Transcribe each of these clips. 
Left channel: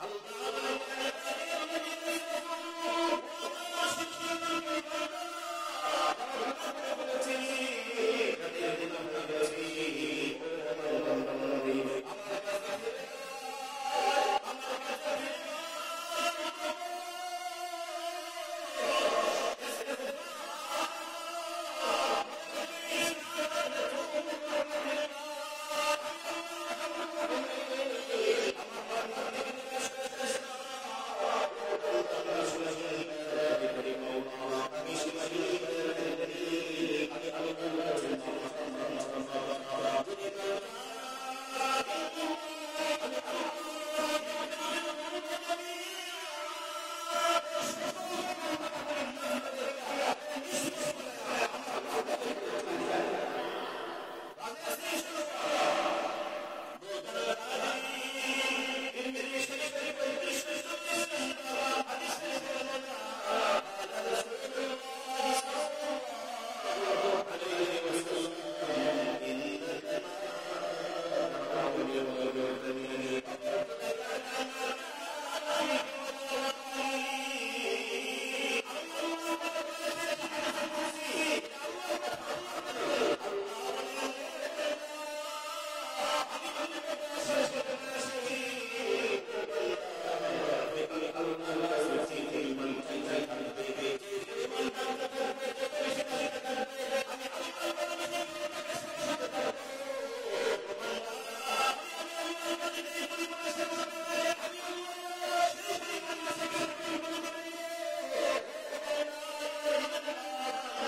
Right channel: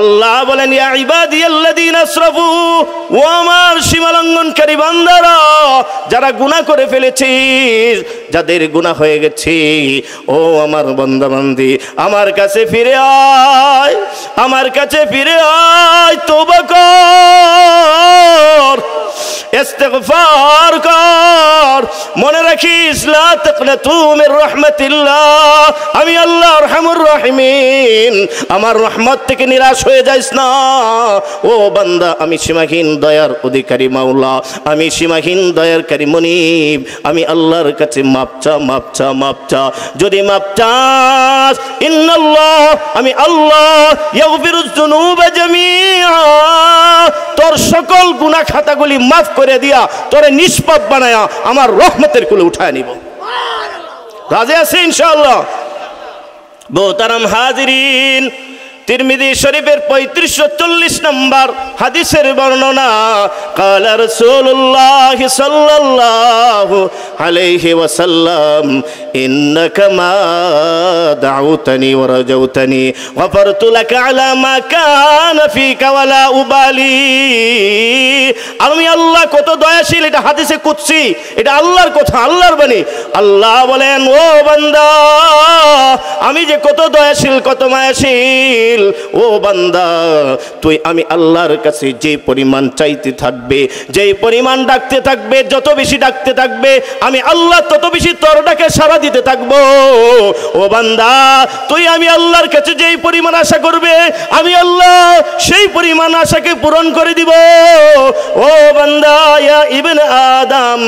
আল্লাহ বলেন ইয়া ইবাদিয়াল্লাযীনা আসরাফু, ও আমার সীমালঙ্ঘনকারী বান্দারা, যারা গুনাহ করে ফেলেছিস, যাদের গুনাহ হয়ে গেছে, ও আমার বান্দা বান্দি, আমার কাছে ফিরে আয়, আমার কাছে ফিরে আয়, তওবা কর, ইস্তিগফার কর। মনে রাখিস, লা তাকনাতু মির রাহমাতিল্লাহ, আমি আল্লাহ আরহামুর রাহিমিন, আমার রহমত থেকে নিরাশ হয়ে যাইস না। ও বান্দা, আমি সীমাহীন দয়ার অধিকারী মাওলা, আমি সীমাহীন দয়ারকারী মনিব, আমি আল্লাহর কাছে মাপ চা, মাপ চা, মাপ চা। যদি মাপ চাস, ইন্নাল্লাহ, আমি আল্লাহ, ইয়াগফিরুয যুনুবা জামিআ, তোর সকল গুনাহ খাতাগুলি মাফ করে দিয়া তোরে নিষ্পাপ বানায়া আমার রহমতের কুলে উঠায় নিব। রাজি আছে ইনশাআল্লাহ? মোহতারাম হাজিরিন, তিরমিজি শরীফের 3540 নম্বর হাদিসের বর্ণনা, কালা রাসূলুল্লাহ সাল্লাল্লাহু আলাইহি ওয়াসাল্লাম, ইন্নাকা মা দাউতানি ওয়া রাজাউতানি গফারতু লাকা আলা মা কানা ফিকা ওয়ালা উবালি। আমি আল্লাহ কত দয়াশীল, এটা হাদিসে কুদসি, এটা আল্লাহর কথা, আল্লাহর বাণী। আল্লাহ বলেন, ও বান্দা, আমি যে কত দয়াশীল, কত মায়াশীল, ও বান্দা, তুই আমি আল্লাহর কাছে যে পরিমাণ চাইতে থাকবে, যেই পরিমাণ ডাকতে থাকবে, যত বেশি ডাকতে থাকবে, আমি আল্লাহ তত বেশি তোর ডাকে সাড়া দিতে থাকবো। ও বান্দা, তুই আমি আল্লাহর কাছে যেই পরিমাণ আশা করবে, আমি আল্লাহ সেই পরিমাণ আশাকে পূরণ করে দিব। ও বান্দা, ইয়া ইবনে আদম,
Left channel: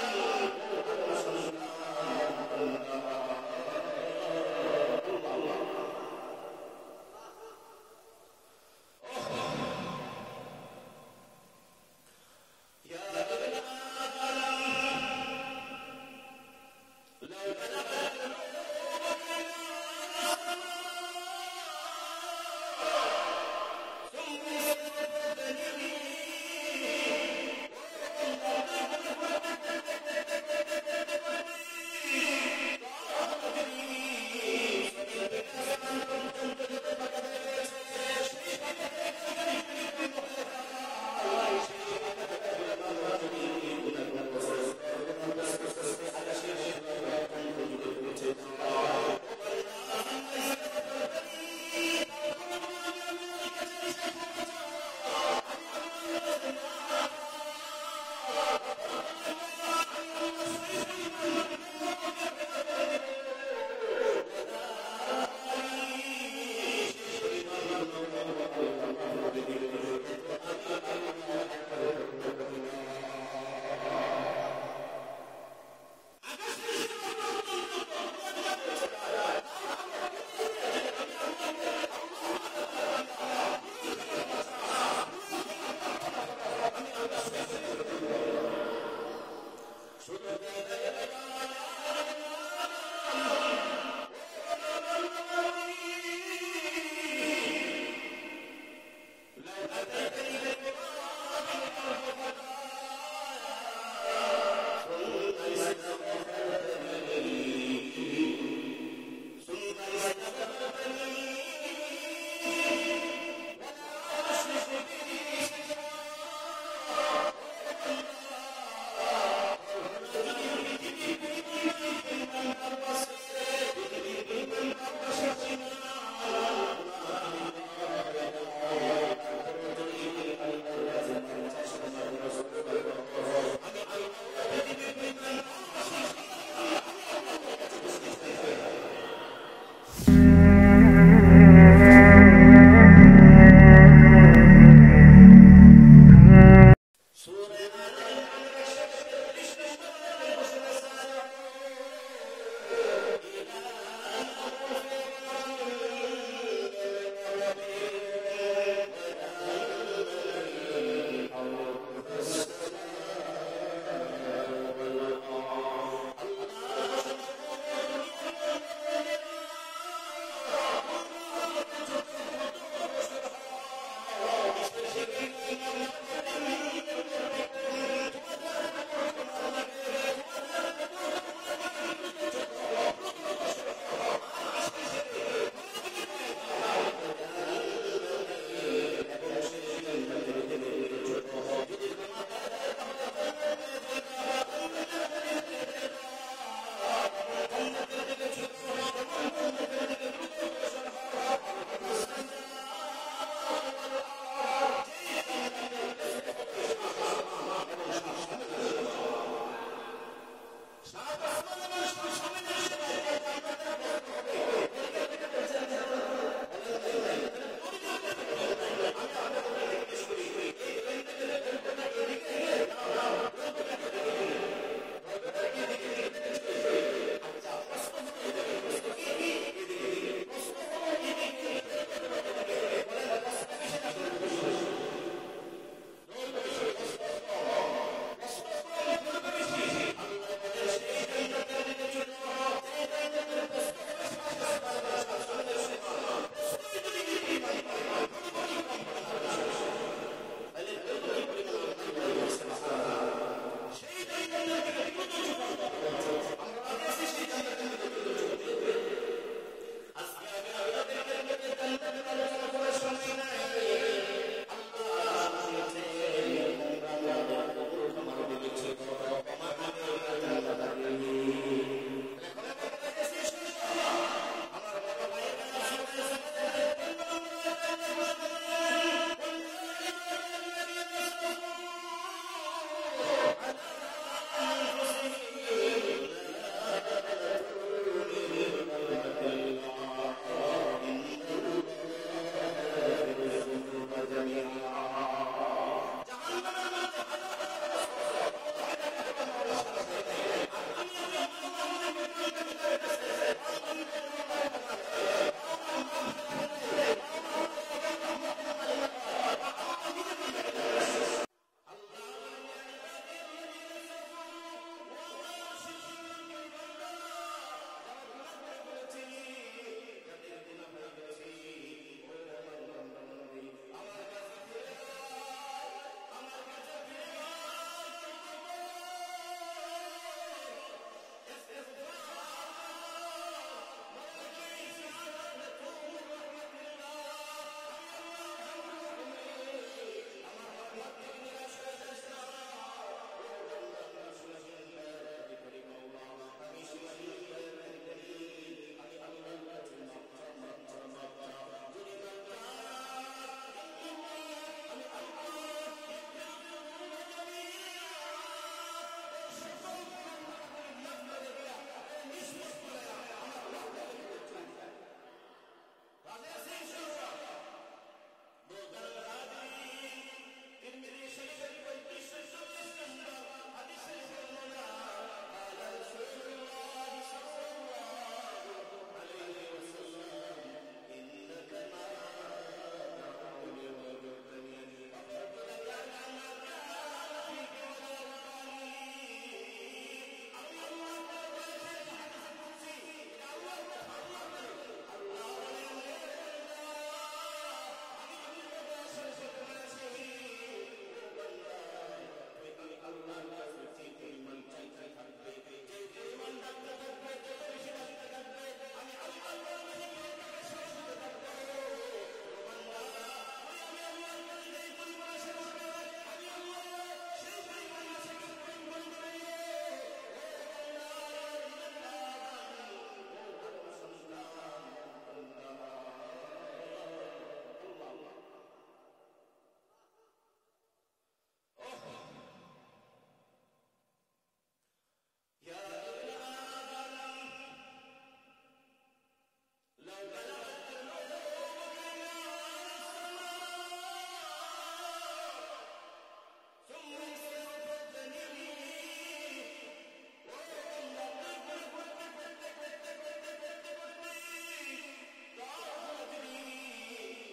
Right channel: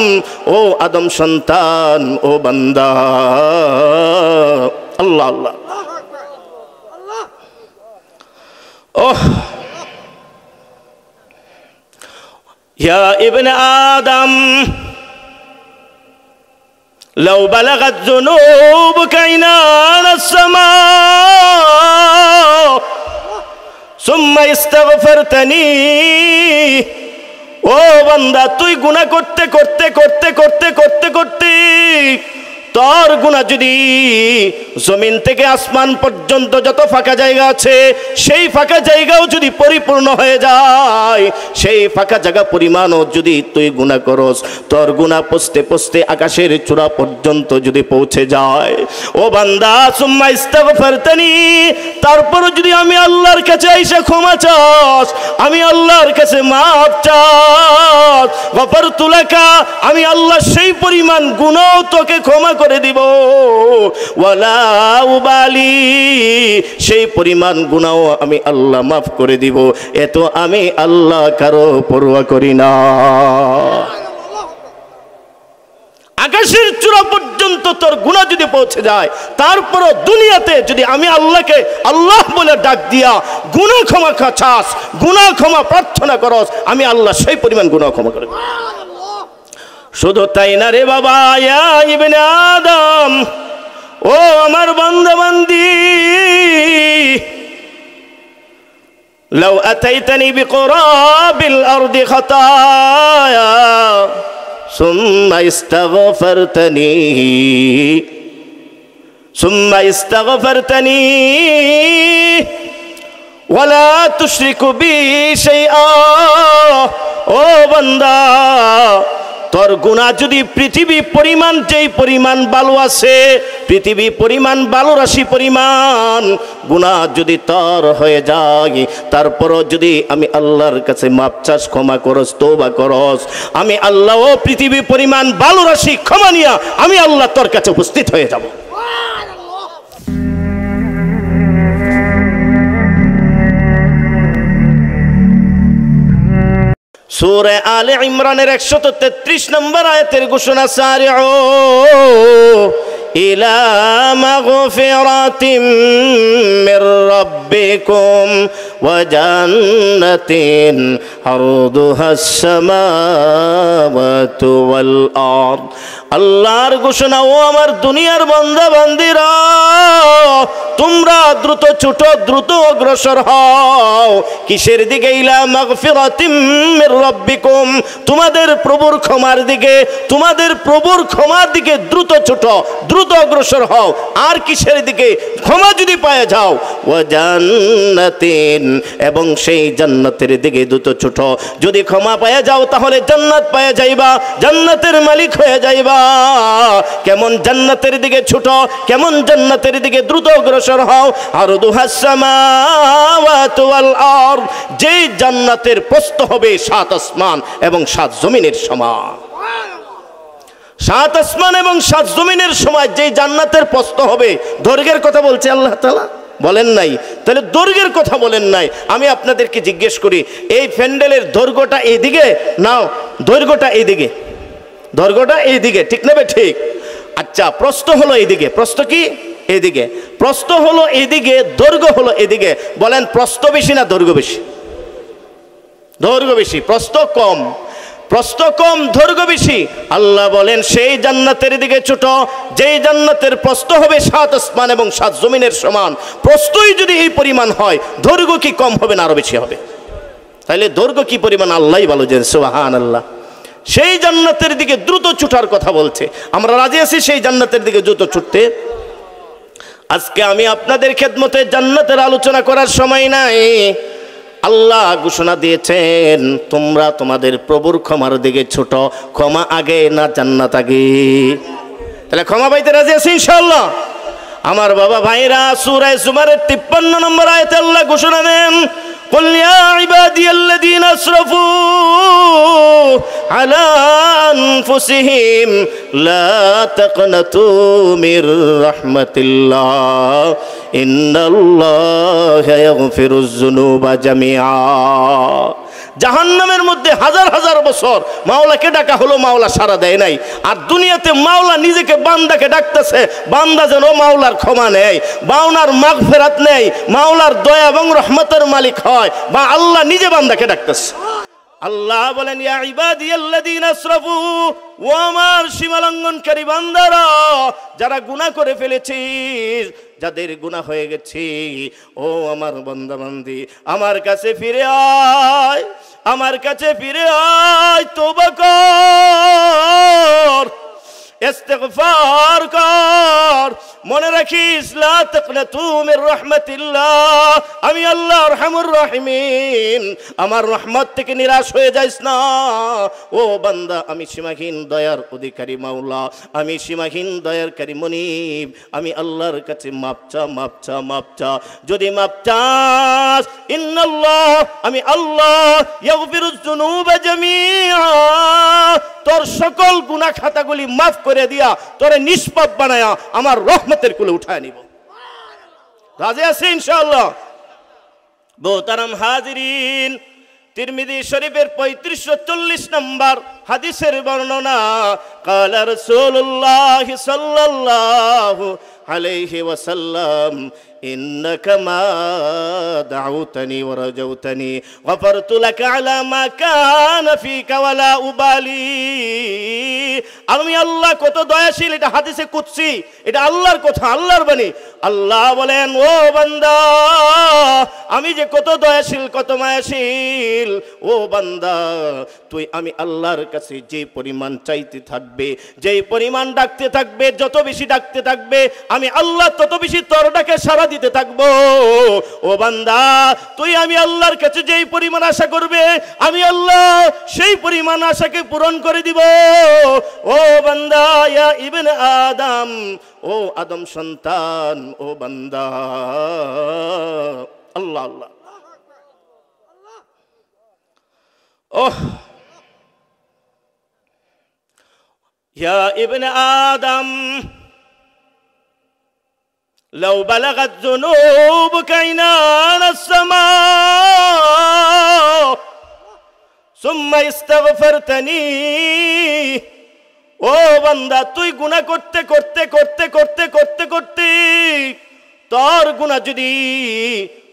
ও আদম সন্তান, ও বান্দা, আল্লাহ আল্লাহ, ওহ, ইয়া ইবনে আদম, লাউ বালাগাত যুনুবুকা ইনানাস সামা সুম্মা ইস্তাগফারতানি। ও বান্দা, তুই গুনাহ করতে করতে করতে করতে করতে করতে তোর গুনাহ যদি জমিন থেকে আসমান পর্যন্ত যত ফাঁকা জায়গা আছে, সেই ফাঁকা জায়গাও যদি পরিপূর্ণ হয়ে যায়, সেই ফাঁকা জায়গা পরিমাণও যদি তুই গুনাহ করস, তোর গুনাহ পৌঁছতে পৌঁছতে আকাশের চূড়া পর্যন্ত যদি পৌঁছে যায়, ও বান্দা, সুম্মা ইস্তাগফারতানি, তারপরও যদি আমি আল্লাহর কাছে আইসা ক্ষমা চাস, আমি আল্লাহর কাছে মাফ চাস, গফারতু লাকা, আমি আল্লাহ সেই পরিমাণ গুনাহ তোকে ক্ষমা করে দিব, ওয়ালা উবালি, সেই পরিমাণ গুনাহ আমি আল্লাহ মাফ করে দিব। এত আমি আল্লাহ কারো পরোয়া করি না। আকাশের চূড়া পর্যন্ত তোর গুনাহ যদি পৌঁছে যায়, তারপরও দুনিয়াতে যদি আমি আল্লাহকে আল্লাহ বলে ডাক দিয়া গুনাহ ক্ষমা চাস, গুনাহ ক্ষমা প্রার্থনা করস, আমি আল্লাহ সেই পরিমাণ গুনাহ ক্ষমা করে দেব। শুধু তাই না রে বাবা, ইয়া ইবনে আদম, ও আমার বান্দা বান্দি, লাউ আতাইতানি বিকুরাবিল আরদি খাতায়া সুম্মা ইস্তাগফারতানি ওয়ালা তুশরিকু বি শাইআ। ও বান্দা, তোর গুনাহ যদি পৃথিবী পরিমাণ, যেই পরিমাণ বালু আছে, পৃথিবী পরিমাণ বালু রাশি পরিমাণ গুনাহ যদি তোর হয়ে যায়, তারপরও যদি আমি আল্লাহর কাছে মাপ চাস, ক্ষমা করস, তওবা করস, আমি আল্লাহ ও পৃথিবী পরিমাণ বালু রাশি ক্ষমা নিয়া আমি আল্লাহ তোর কাছে উপস্থিত হয়ে যাব। সূরা আলে ইমরানের 133 নম্বর আয়াতের ঘোষণা, সারিউ ইলা মাগফিরাতিম মির রাব্বিকুম ওয়া জান্নাতিন আরদুহাস সামাওয়াতু ওয়াল আরদ আল্লাহর ঘোষণা, ও আমার দুনিয়ার বান্দা বান্দিরা, তোমরা দ্রুত ছোট, দ্রুত অগ্রসর হও। কিসের দিকে? ইলা মাগফিরাতিম মির রাব্বিকুম, তোমাদের প্রভুর ক্ষমার দিকে, তোমাদের প্রভুর ক্ষমার দিকে দ্রুত ছোট, দ্রুত অগ্রসর হও। আর কিসের দিকে? ক্ষমা যদি পায়ে যাও, ওয়া জান্নাতিন, এবং সেই জান্নাতের দিকে দ্রুত ছোট। যদি ক্ষমা পায়ে যাও তাহলে জান্নাত পায়ে যাইবা, জান্নাতের মালিক হয়ে যাইবা। কেমন জান্নাতের দিকে ছোট, কেমন জান্নাতের দিকে দ্রুত অগ্রসর হও। আরদুহাস সামাওয়াতু ওয়াল আরদ, যেই জান্নাতের প্রস্থ হবে 7 আসমান এবং 7 জমিনের সমান। 7 আসমান এবং 7 জমিনের সমান যেই জান্নাতের প্রস্থ হবে। দৈর্ঘ্যের কথা বলছে আল্লাহ তাআলা, বলেন নাই? তাহলে দৈর্ঘ্যের কথা বলেন নাই। আমি আপনাদেরকে জিজ্ঞেস করি, এই প্যান্ডেলের দৈর্ঘ্যটা এইদিকে নাও, দৈর্ঘ্যটা এইদিকে, দৈর্ঘ্যটা এইদিকে, ঠিক না? ঠিক। আচ্ছা, প্রস্থ হলো এইদিকে, প্রস্থ কি? এইদিকে। প্রস্থ হলো এইদিকে, দৈর্ঘ্য হলো এদিকে। বলেন, প্রস্থ বেশি না দৈর্ঘ্য বেশি? দৈর্ঘ্য বেশি, প্রস্থ কম। প্রস্থ কম, দৈর্ঘ্য বেশি। আল্লাহ বলেন সেই জান্নাতের দিকে ছোট, যেই জান্নাতের প্রস্থ হবে 7 আসমান এবং 7 জমিনের সমান। প্রস্থই যদি এই পরিমাণ হয়, দৈর্ঘ্য কি কম হবে না আরো বেশি হবে? তাহলে দৈর্ঘ্য কি পরিমাণ আল্লাহই ভালো জানেন। সুবহানাল্লাহ। সেই জান্নাতের দিকে দ্রুত ছুটার কথা বলছে। আমরা রাজি আছি সেই জান্নাতের দিকে দ্রুত ছুটতে। আজকে আমি আপনাদের খেদমতে জান্নাতের আলোচনা করার সময় নাই। আল্লাহ ঘোষণা দিয়েছেন, তোমরা তোমাদের প্রভুর ক্ষমার দিকে ছোট। ক্ষমা আগে না জান্নাত আগে? তাহলে ক্ষমা পাইতে রাজি আছি ইনশাআল্লাহ? আমার বাবা ভাইরা, সূরা জুমারের 53 নম্বর আয়াতে আল্লাহ ঘোষণা দেন, কুল ইয়া ইবাদিয়াল্লাযীনা আসরাফু আলা আনফুসিহিম লা তাকনাতু মির রাহমাতিল্লাহ ইন্নাল্লাহা ইয়াগফিরুয যুনুবা জামিআ। জাহান্নামের মধ্যে হাজার হাজার বছর মাওলাকে ডাকা হলো, মাওলা সাড়া দেয় নাই। আর দুনিয়াতে মাওলা নিজেকে বান্দাকে ডাকতেছে, বান্দা যেন মাওলার ক্ষমা নেয়, মাওলার মাগফিরাত নেয়, মাওলার দয়া এবং রহমতের মালিক হয়, বা আল্লাহ নিজে বান্দাকে ডাকতেছে। আল্লাহ বলেন, ইয়া ইবাদিয়াল্লাযীনা আসরাফু, ও আমার সীমালঙ্ঘনকারী বান্দারা, যারা গুনাহ করে ফেলেছিস, যাদের গুনাহ হয়ে গেছে, ও আমার বান্দা বান্দি, আমার কাছে ফিরে আয়, আমার কাছে ফিরে আয়, তওবা কর, ইস্তিগফার কর। মনে রাখিস, লা তাকনাতু মির রাহমাতিল্লাহ, আমি আল্লাহ আরহামুর রাহিমিন, আমার রহমত থেকে নিরাশ হয়ে যাইস না। ও বান্দা, আমি সীমাহীন দয়ার অধিকারী মাওলা, আমি সীমাহীন দয়ারকারী মনিব, আমি আল্লাহর কাছে মাপ চা, মাপ চা, মাপ চা। যদি মাপ চাস, ইন্নাল্লাহ, আমি আল্লাহ, ইয়াগফিরুয যুনুবা জামিআ, তোর সকল গুনাহ খাতাগুলি মাফ করে দিয়া তোরে নিষ্পাপ বানায়া আমার রহমতের কুলে উঠায় নিব। রাজি আছি ইনশাআল্লাহ? মোহতারাম হাজিরিন, তিরমিজি শরীফের 3540 নম্বর হাদিসের বর্ণনা, কালা রাসূলুল্লাহ সাল্লাল্লাহু আলাইহি ওয়াসাল্লাম, ইন্নাকা মা দাউতানি ওয়া রাজাউতানি গফারতু লাকা আলা মা কানা ফিকা ওয়ালা উবালি। আমি আল্লাহ কত দয়াশীল, এটা হাদিসে কুদসি, এটা আল্লাহর কথা, আল্লাহর বাণী। আল্লাহ বলেন, ও বান্দা, আমি যে কত দয়াশীল, কত মায়াশীল, ও বান্দা, তুই আমি আল্লাহর কাছে যে পরিমাণ চাইতে থাকবে, যেই পরিমাণ ডাকতে থাকবে, যত বেশি ডাকতে থাকবে, আমি আল্লাহ তত বেশি তোর ডাকে সাড়া দিতে থাকবো। ও বান্দা, তুই আমি আল্লাহর কাছে যেই পরিমাণ আশা করবে, আমি আল্লাহ সেই পরিমাণ আশাকে পূরণ করে দিব। ও বান্দা, ইয়া ইবনে আদম, ও আদম সন্তান, ও বান্দা, আল্লাহ আল্লাহ, ওহ, ইয়া ইবনে আদম, لو بلغت ذنوبك عنان السماء ثم استغفرتني। ও বান্দা, তুই গুনাহ করতে করতে করতে করতে করতে করতে তোর গুনাহ যদি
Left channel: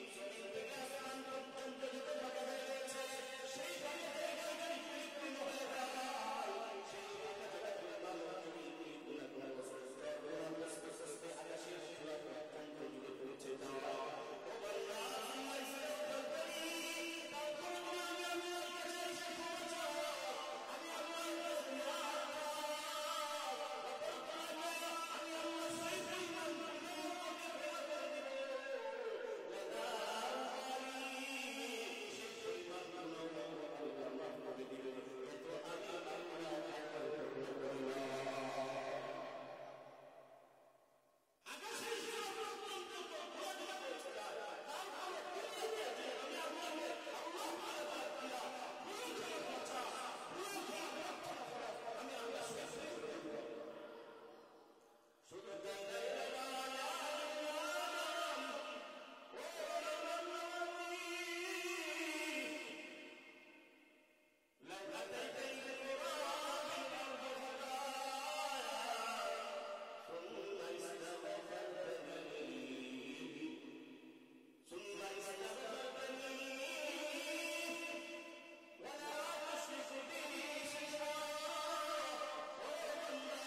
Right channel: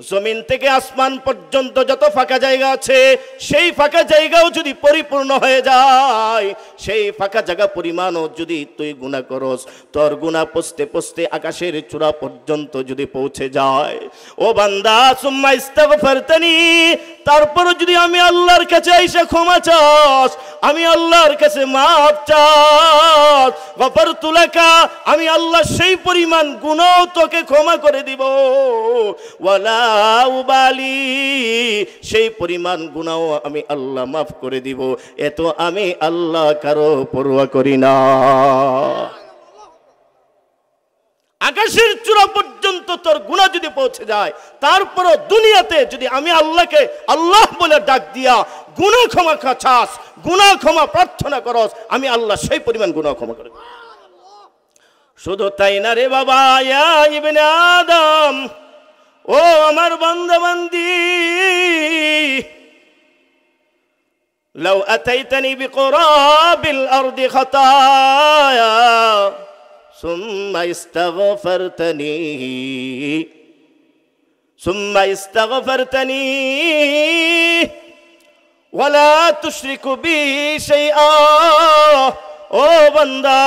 জমিন থেকে আসমান পর্যন্ত যত ফাঁকা জায়গা আছে সেই ফাঁকা জায়গাও যদি পরিপূর্ণ হয়ে যায়, সেই ফাঁকা জায়গা পরিমাণও যদি তুই গুনাহ করস, তোর গুনাহ পৌঁছতে পৌঁছতে আকাশের চূড়া পর্যন্ত যদি পৌঁছে যায়, ও বান্দা সুম্মা ইস্তাগফারতানি, তারপর যদি আমি আল্লাহর কাছে আইসা ক্ষমা চাস, আমি আল্লাহর কাছে মাফ চাস, গফারতু লাকা, আমি আল্লাহ সেই পরিমাণ গুনাহ তোকে ক্ষমা করে দিব, ওয়ালা উবালি, সেই পরিমাণ গুনাহ আমি আল্লাহ মাফ করে দিব, এত আমি আল্লাহ কারো পরোয়া করি না। আকাশের চূড়া পর্যন্ত তোর গুনাহ যদি পৌঁছে যায়, তারপরও দুনিয়াতে যদি আমি আল্লাহকে আল্লাহ বলে ডাক দিয়া গুনাহ ক্ষমা চাস, গুনাহ ক্ষমা প্রার্থনা করস, আমি আল্লাহ সেই পরিমাণ গুনাহ ক্ষমা করে। শুধু তাই না রে বাবা, ইয়া ইবনে আদম, ও আমার বান্দা বান্দি, লাউ আতাইতানি বিকুরাবিল আরদি খাতায়া সুম্মা ইস্তাগফারতানি ওয়ালা তুশরিকু বি শাইআ, ও বান্দা,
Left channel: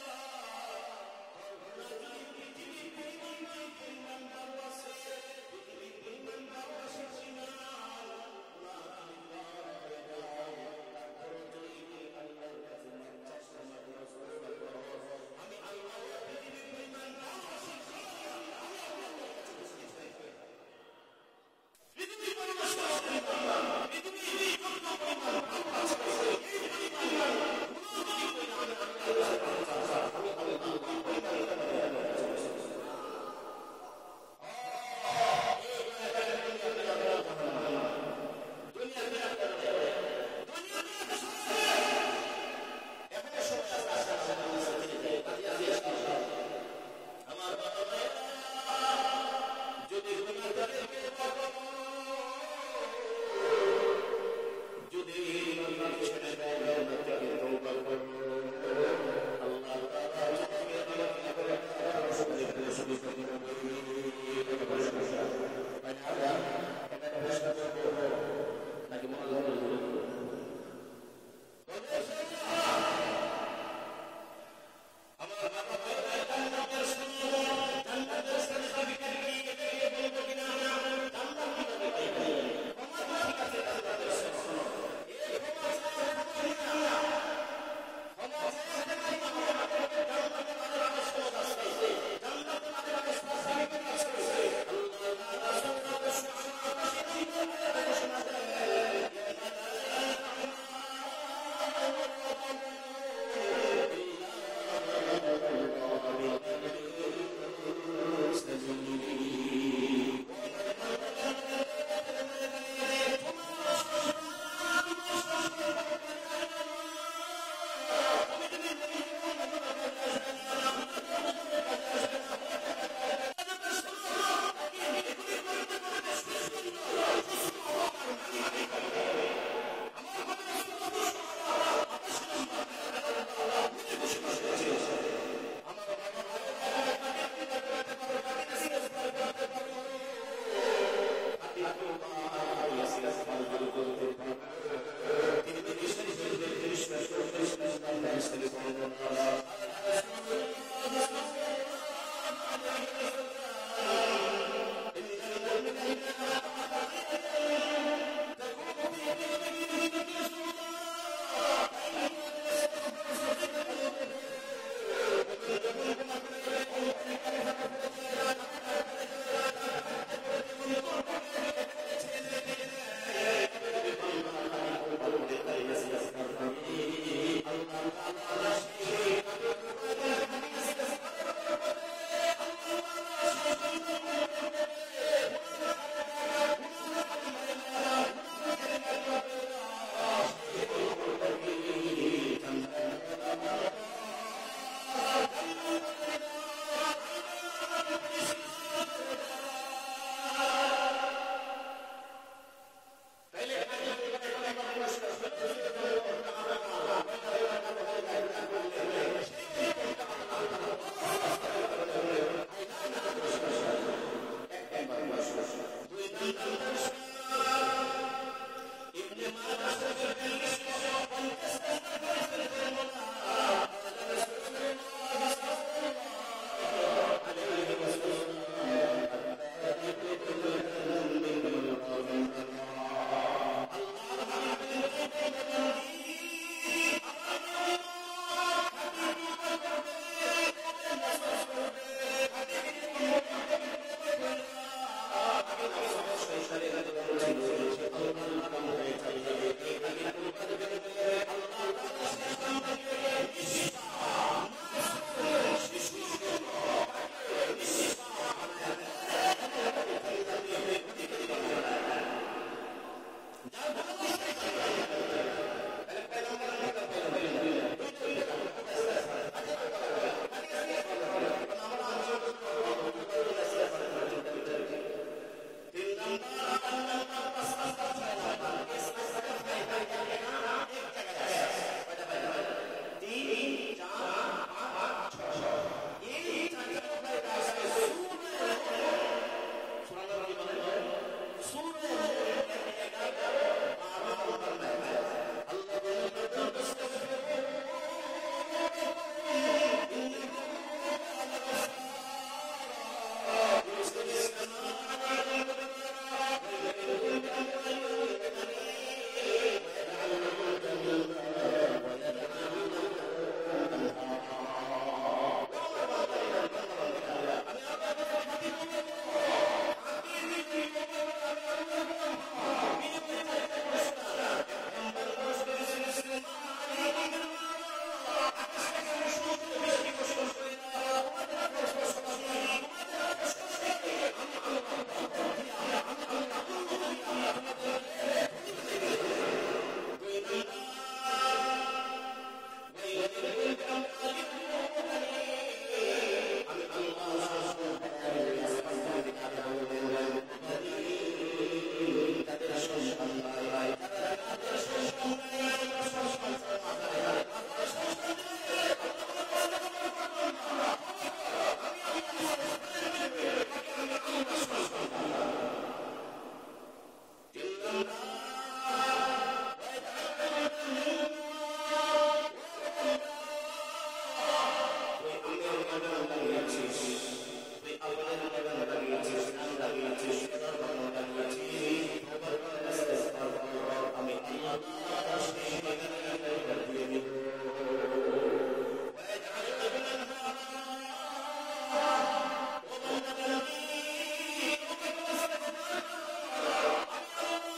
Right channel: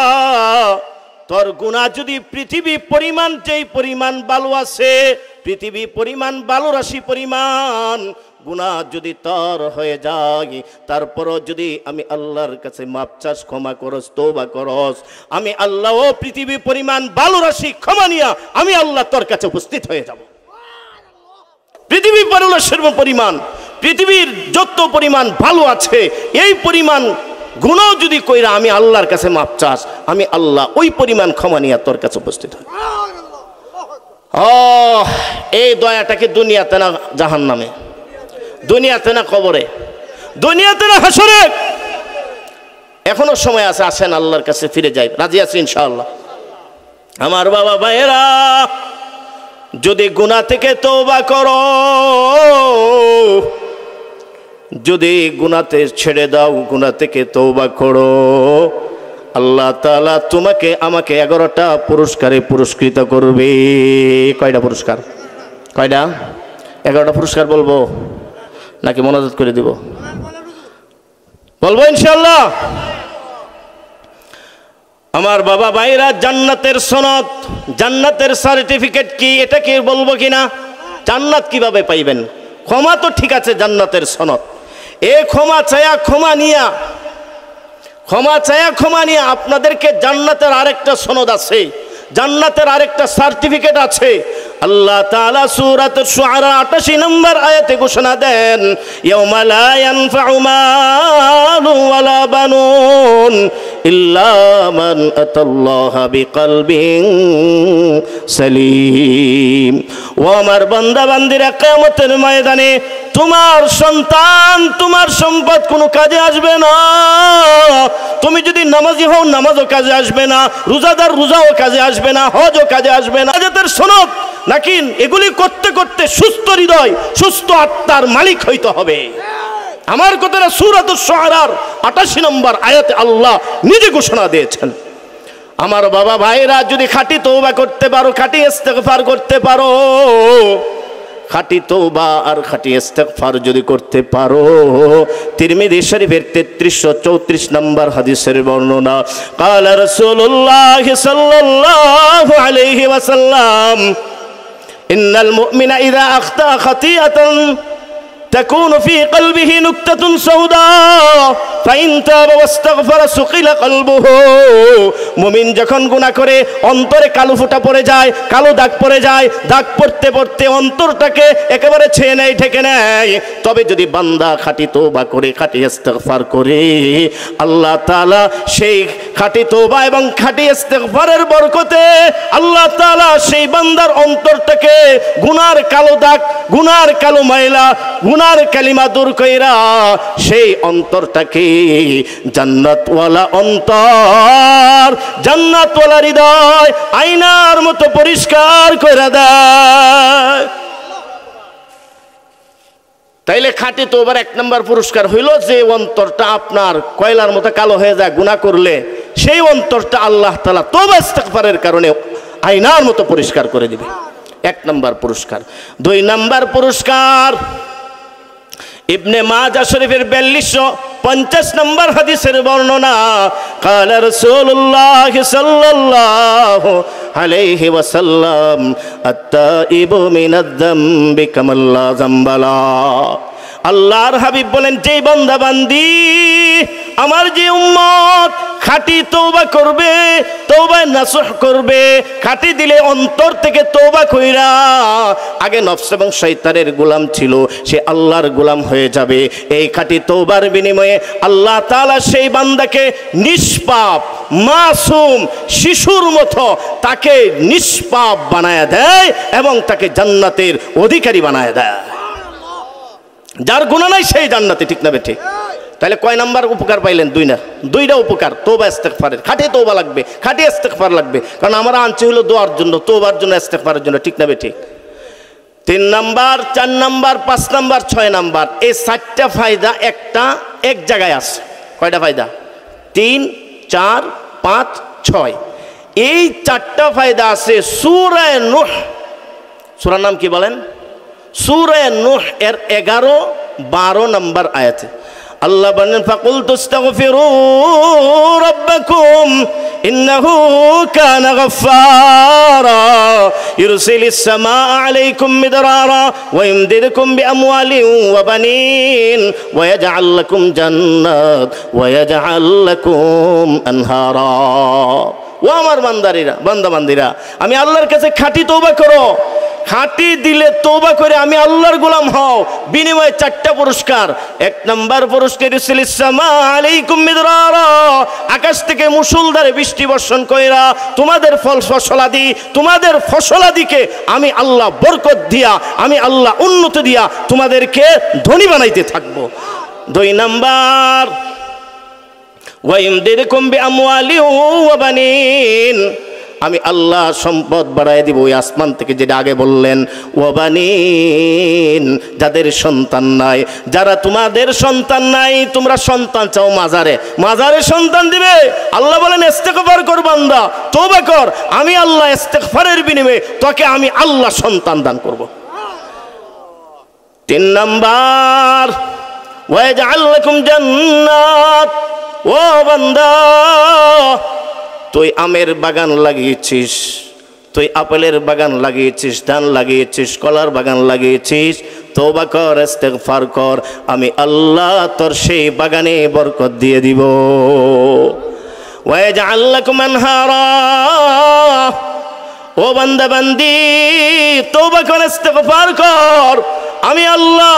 তোর গুনাহ যদি পৃথিবী পরিমাণ, যেই পরিমাণ বালু আছে, পৃথিবী পরিমাণ বালু রাশি পরিমাণ গুনাহ যদি তোর হয়ে যায়, তারপরও যদি আমি আল্লাহর কাছে মাপ চাস, ক্ষমা করস, তওবা করস, আমি আল্লাহ ও পৃথিবী পরিমাণ বালু রাশি ক্ষমা নিয়া আমি আল্লাহ তোর কাছে উপস্থিত হয়ে যাব। পৃথিবী বালু রাশির পরিমাণ, পৃথিবীর যত পরিমাণ ভালো আছে, এই পরিমাণ গুনাহ যদি কইরা আমি আল্লাহর কাছে মাপ চাস, আমি আল্লাহ ওই পরিমাণ ক্ষমা নিয়ে তোর কাছে উপস্থিত হই। এই দয়াটাকে দুনিয়াতে না জাহান্নামে, দুনিয়াতে না কবরে, দুনিয়াতে না হাসরে, এখনো সময় আছে, আসেন আল্লাহর কাছে ফিরে যাই, রাজি আছি ইনশাআল্লাহ। আমার বাবা ভাইয়েরা, যদি গুনাহ থেকে তওবা করো, যদি গুনাহতে ছেড়ে দাও, গুনাহ থেকে তওবা করো, আল্লাহ তাআলা তোমাকে আমাকে 11টা পুরস্কারে পুরস্কৃত করবে। কয়টা পুরস্কার? কয়টা? 11টা পুরস্কার বলবো নাকি মনোযোগ করে দিব? বলবো ইনশাআল্লাহ। আমার বাবা ভাইরা, জান্নাতের সনদ, জান্নাতের সার্টিফিকেট কি, এটা কি বলবো কিনা? জান্নাত কিভাবে পাইবেন? ক্ষমা তো ঠিক আছে, জান্নাতের সনদ, এ ক্ষমা চায়া ক্ষমা নিয়া, ক্ষমা চায়া ক্ষমা নিয়া আপনাদেরকে জান্নাতের আরেকটা সনদ আছে, জান্নাতের আরেকটা সার্টিফিকেট আছে। আল্লাহ তাআলা সূরাতুশ শুআরা 88 নম্বর আয়াতে ঘোষণা দেন, ইয়াউমা লা ইয়ানফাউ মালু ওয়ালা বানুন ইল্লা মান আতাল্লাহা বিকলবিন সালিম। ও আমার বান্দা বান্দিরা, কিয়ামতের ময়দানে তোমার সন্তান, তোমার সম্পদ কোনো কাজে আসবে না। তুমি যদি নামাজি হও, নামাজও কাজে আসবে না, রোজাদার রোজাও কাজে আসবে না, হজও কাজে আসবে না। জান্নাতের সনদ নাকি এগুলি করতে করতে সুস্থ হৃদয়, সুস্থ আত্মার মালিক হইতে হবে। আমার কথাটা সূরাতুশ শুআরার 88 নম্বর আয়াতে আল্লাহ নিজে ঘোষণা দিয়েছেন। আমার বাবা ভাইরা, যদি খাঁটি তওবা করতে পারো, খাঁটি ইস্তেগফার করতে পারো, খাঁটি তওবা আর খাঁটি ইস্তেগফার যদি করতে পারো, তিরমিজি শরীফের 3334 নম্বর হাদিসের বর্ণনা, ক্বালা রাসূলুল্লাহ সাল্লাল্লাহু আলাইহি ওয়াসাল্লাম, ইন্নাল মুমিনা ইযা আখতা খাতিআতান تكون في قلبه نكتة سوداء فإن تاب واستغفر سقل قلبه। মুমিন যখন গুনাহ করে অন্তরে কালো ফোঁটা পড়ে যায়, কালো দাগ পড়ে যায়, দাগ পড়তে পড়তে অন্তরটাকে একেবারে ছেয়ে নেয়, ঢেকে নেয়। তবে যদি বান্দা খাঁটি তওবা করে, খাঁটি ইস্তেগফার করে, আল্লাহ তাআলা সেই খাঁটি তওবা এবং খাঁটি ইস্তেগফারের বরকতে আল্লাহ তাআলা সেই বান্দার অন্তরটাকে গুনার কালো দাগ, গুনার কালো ময়লা, গুনার কালিমা দূর কইরা সেই অন্তরটাকে জান্নাতওয়ালা অন্তর, জান্নাতওয়ালা হৃদয় আয়নার মতো পরিষ্কার করে দেয়। তাইলে খাঁটি তওবার 1 নম্বর পুরস্কার হইল যে অন্তরটা আপনার কয়লার মতো কালো হয়ে যায় গুনাহ করলে, সেই অন্তরটা আল্লাহ তাআলা তওবা ইস্তেগফারের কারণে আয়নার মতো পরিষ্কার করে দিবে। এক নম্বর পুরস্কার। 2 নম্বর পুরস্কার ইবনে মাজাহ শরীফের 4250 নম্বর হাদিসের বর্ণনা, ক্বালা রাসূলুল্লাহ সাল্লাল্লাহু আলাইহি ওয়াসাল্লাম আত-তাইবু মিনাদ যামবি কামান লা যামবা লা। আল্লাহর হাবিব বলেন, যেই বান্দা বান্দি আমার যে উম্মত খাঁটি তওবা করবে, তওবায় নাসুহ করবে, খাঁটি দিলে অন্তর থেকে তওবা কইরা আগে নফস এবং শয়তানের গোলাম ছিল, সে আল্লাহর গোলাম হয়ে যাবে। এই খাঁটি তওবার বিনিময়ে আল্লাহ তাআলা সেই বান্দাকে নিষ্পাপ মাসুম শিশুর মতো তাকে নিষ্পাপ বানায়া দেয় এবং তাকে জান্নাতের অধিকারী বানায়া দেয়। যার গুনাহ নাই সেই জান্নাতে, ঠিক না বেঠিক? তাহলে কয় নাম্বার উপকার পাইলেন? 2 না, 2টা উপকার। তওবা ইস্তেগফারের, খাঁটি তওবা লাগবে, খাঁটি ইস্তেগফার লাগবে, কারণ আমরা আনছি হলো দোয়ার জন্য, তওবার জন্য, ইস্তেগফারের জন্য, ঠিক না বেঠিক? 3 নাম্বার, 4 নাম্বার, 5 নাম্বার, 6 নাম্বার, এই 4টা ফায়দা একটা এক জায়গায় আছে। কয়টা ফায়দা? 3, 4, 5, 6। এই 4টা ফায়দা আছে সূরা নূহ। সূরার নাম কি বলেন? সূরা নূহ এর 11-12 নম্বর আয়াতে আল্লাহ বলেন, ফাকুলতু আস্তাগফিরু রাব্বাকুম ইন্নাহু কানা গাফফারা ইরসিলিস সামাআ আলাইকুম মিদরারা ওয়া ইমদিদকুম বিআমওয়ালিন ওয়া বানিন ওয়া ইয়াজআল লাকুম জান্নাত ওয়া ইয়াজআল লাকুম আনহারা। ও আমার বান্দাবান্দিরা, আমি আল্লাহর কাছে খাঁটি তওবা করো, খাঁটি দিলে তওবা করে আমি আল্লাহর গোলাম হও, বিনিময়ে 4টা পুরস্কার। 1 নম্বর পুরস্কার ইরসিলিস সামা আলাইকুম মিদরারা, আকাশ থেকে মুষলধারে বৃষ্টি বর্ষণ কইরা তোমাদের তোমাদের ফসলাদিকে আমি আল্লাহ বরকত দিয়া, আমি আল্লাহ উন্নতি দিয়া তোমাদেরকে ধনী বানাইতে থাকবো। 2 নম্বর ওয়াইমদিদকুম বিআমওয়ালিন ওয়া বানিন, আমি আল্লাহ সম্পদ বাড়ায় দিব ওই আসমান থেকে, যেটা আগে বললেন, ওয়া বানিন, যাদের সন্তান নাই, যারা তোমাদের সন্তান নাই, তোমরা সন্তান চাও, মাজারে সন্তান দিবে। আল্লাহ বলেন ইস্তেগফার কর বান্দা, তওবা কর, আমি আল্লাহ ইস্তেগফারের বিনিময়ে তোকে আমি আল্লাহ সন্তান দান করব। 3 নাম্বার ওয়া ইয়াজআল লাকুম জান্নাত, ও বান্দা তুই আমের বাগান লাগিয়েছিস, তুই আপেলের বাগান লাগিয়েছিস, ধান লাগিয়েছিস, কলার বাগান লাগিয়েছিস, তওবা কর, ইস্তেগফার কর, আমি আল্লাহ তোর সেই বাগানে বরকত দিয়ে দিব। ওয়া ইয়াজআল লাকুম আনহারা, ও বান্দা বান্দি তওবা কর, ইস্তেগফার কর, আমি আল্লাহ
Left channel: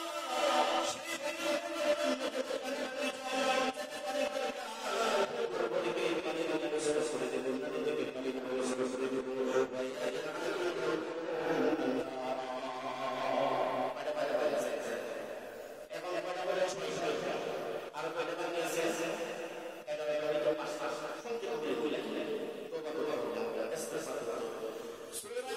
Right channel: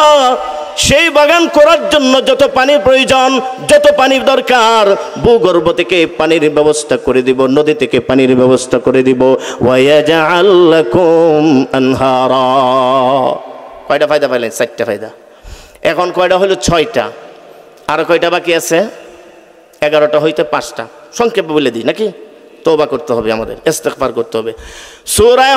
সেই বাগান করার জন্য যত পানির প্রয়োজন, যত পানির দরকার, ভূগর্ভ থেকে পানির ব্যবস্থা করে দিব, নদী থেকে পানির ব্যবস্থা করে দিব। ওয়া ইয়াজআল লাকুম আনহারা। কয়টা ফায়দা পাইলেন? 4টা ফায়দা। এখন কয়টা হলো? 6টা। আর কয়টা বাকি আছে? 11টা হইতে 5টা। সংক্ষেপে বলে দিই নাকি? তওবা করতে হবে, আমাদের ইস্তেগফার করতে হবে। সূরা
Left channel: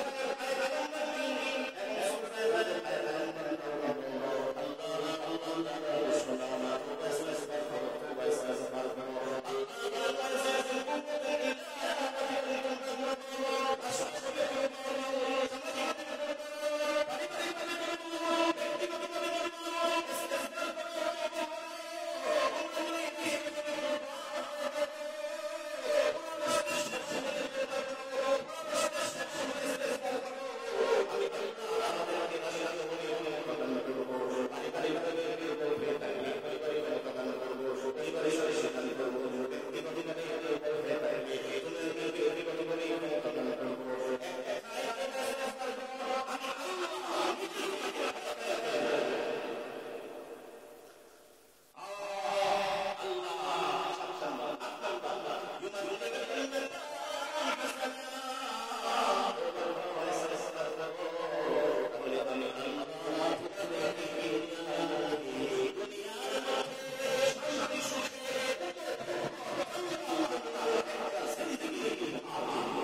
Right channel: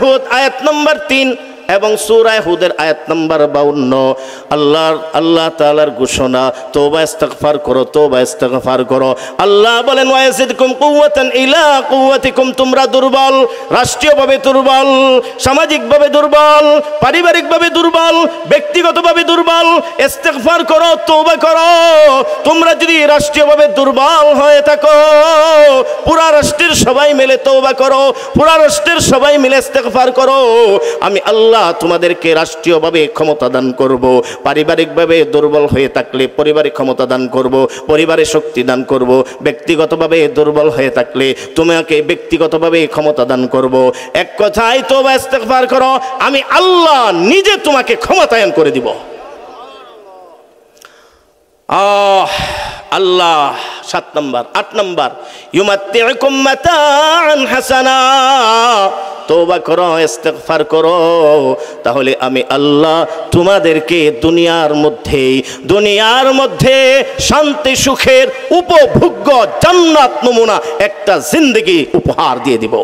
হুদ আয়াত নম্বর 3 এবং সূরা হুদের আয়াত নম্বর 52 আল্লাহ তাআলার ঘোষণা, তওবা ইস্তেগফার করো, তওবা ইস্তেগফার করো। আল্লাহ বলেন ওয়া ইয়াজিদকুম কুওয়াতান ইলা কুওয়াতিকুম, তোমরা দুর্বল, রাষ্ট্রীয়ভাবে দুর্বল, সামাজিকভাবে দুর্বল, পারিবারিকভাবে দুর্বল, ব্যক্তিগতভাবে দুর্বল, ইস্তেগফার করো, তওবা করো। তোমরা যদি রাষ্ট্রীয়ভাবে দুর্বল হয়ে থাকো, পুরা রাষ্ট্রের সবাই মিলে তওবা করো, পুরা রাষ্ট্রের সবাই মিলে ইস্তেগফার করো, আমি আল্লাহ তোমাদেরকে রাষ্ট্রীয়ভাবে ক্ষমতা দান করব। পারিবারিকভাবে দুর্বল হয়ে থাকলে পরিবারে ক্ষমতা দান করব, পরিবারে শক্তি দান করব। ব্যক্তিগতভাবে দুর্বল হয়ে থাকলে তোমাকে ব্যক্তিগতভাবে ক্ষমতা দান করব। এক কথায় তওবা ইস্তেগফার করো, আমি আল্লাহ নিজে তোমাকে ক্ষমতায়ন করে দিব। আল্লাহ 7 নম্বর। 8 নম্বর ইউমাত্তিউকুম মাতাআন হাসানা, তওবা করো, ইস্তেগফার করো, তাহলে আমি আল্লাহ তোমাদেরকে দুনিয়ার মধ্যে শান্তি সুখের উপভোগ্য জান্নাত নমুনা একটা জিন্দেগি উপহার দিয়ে দিব।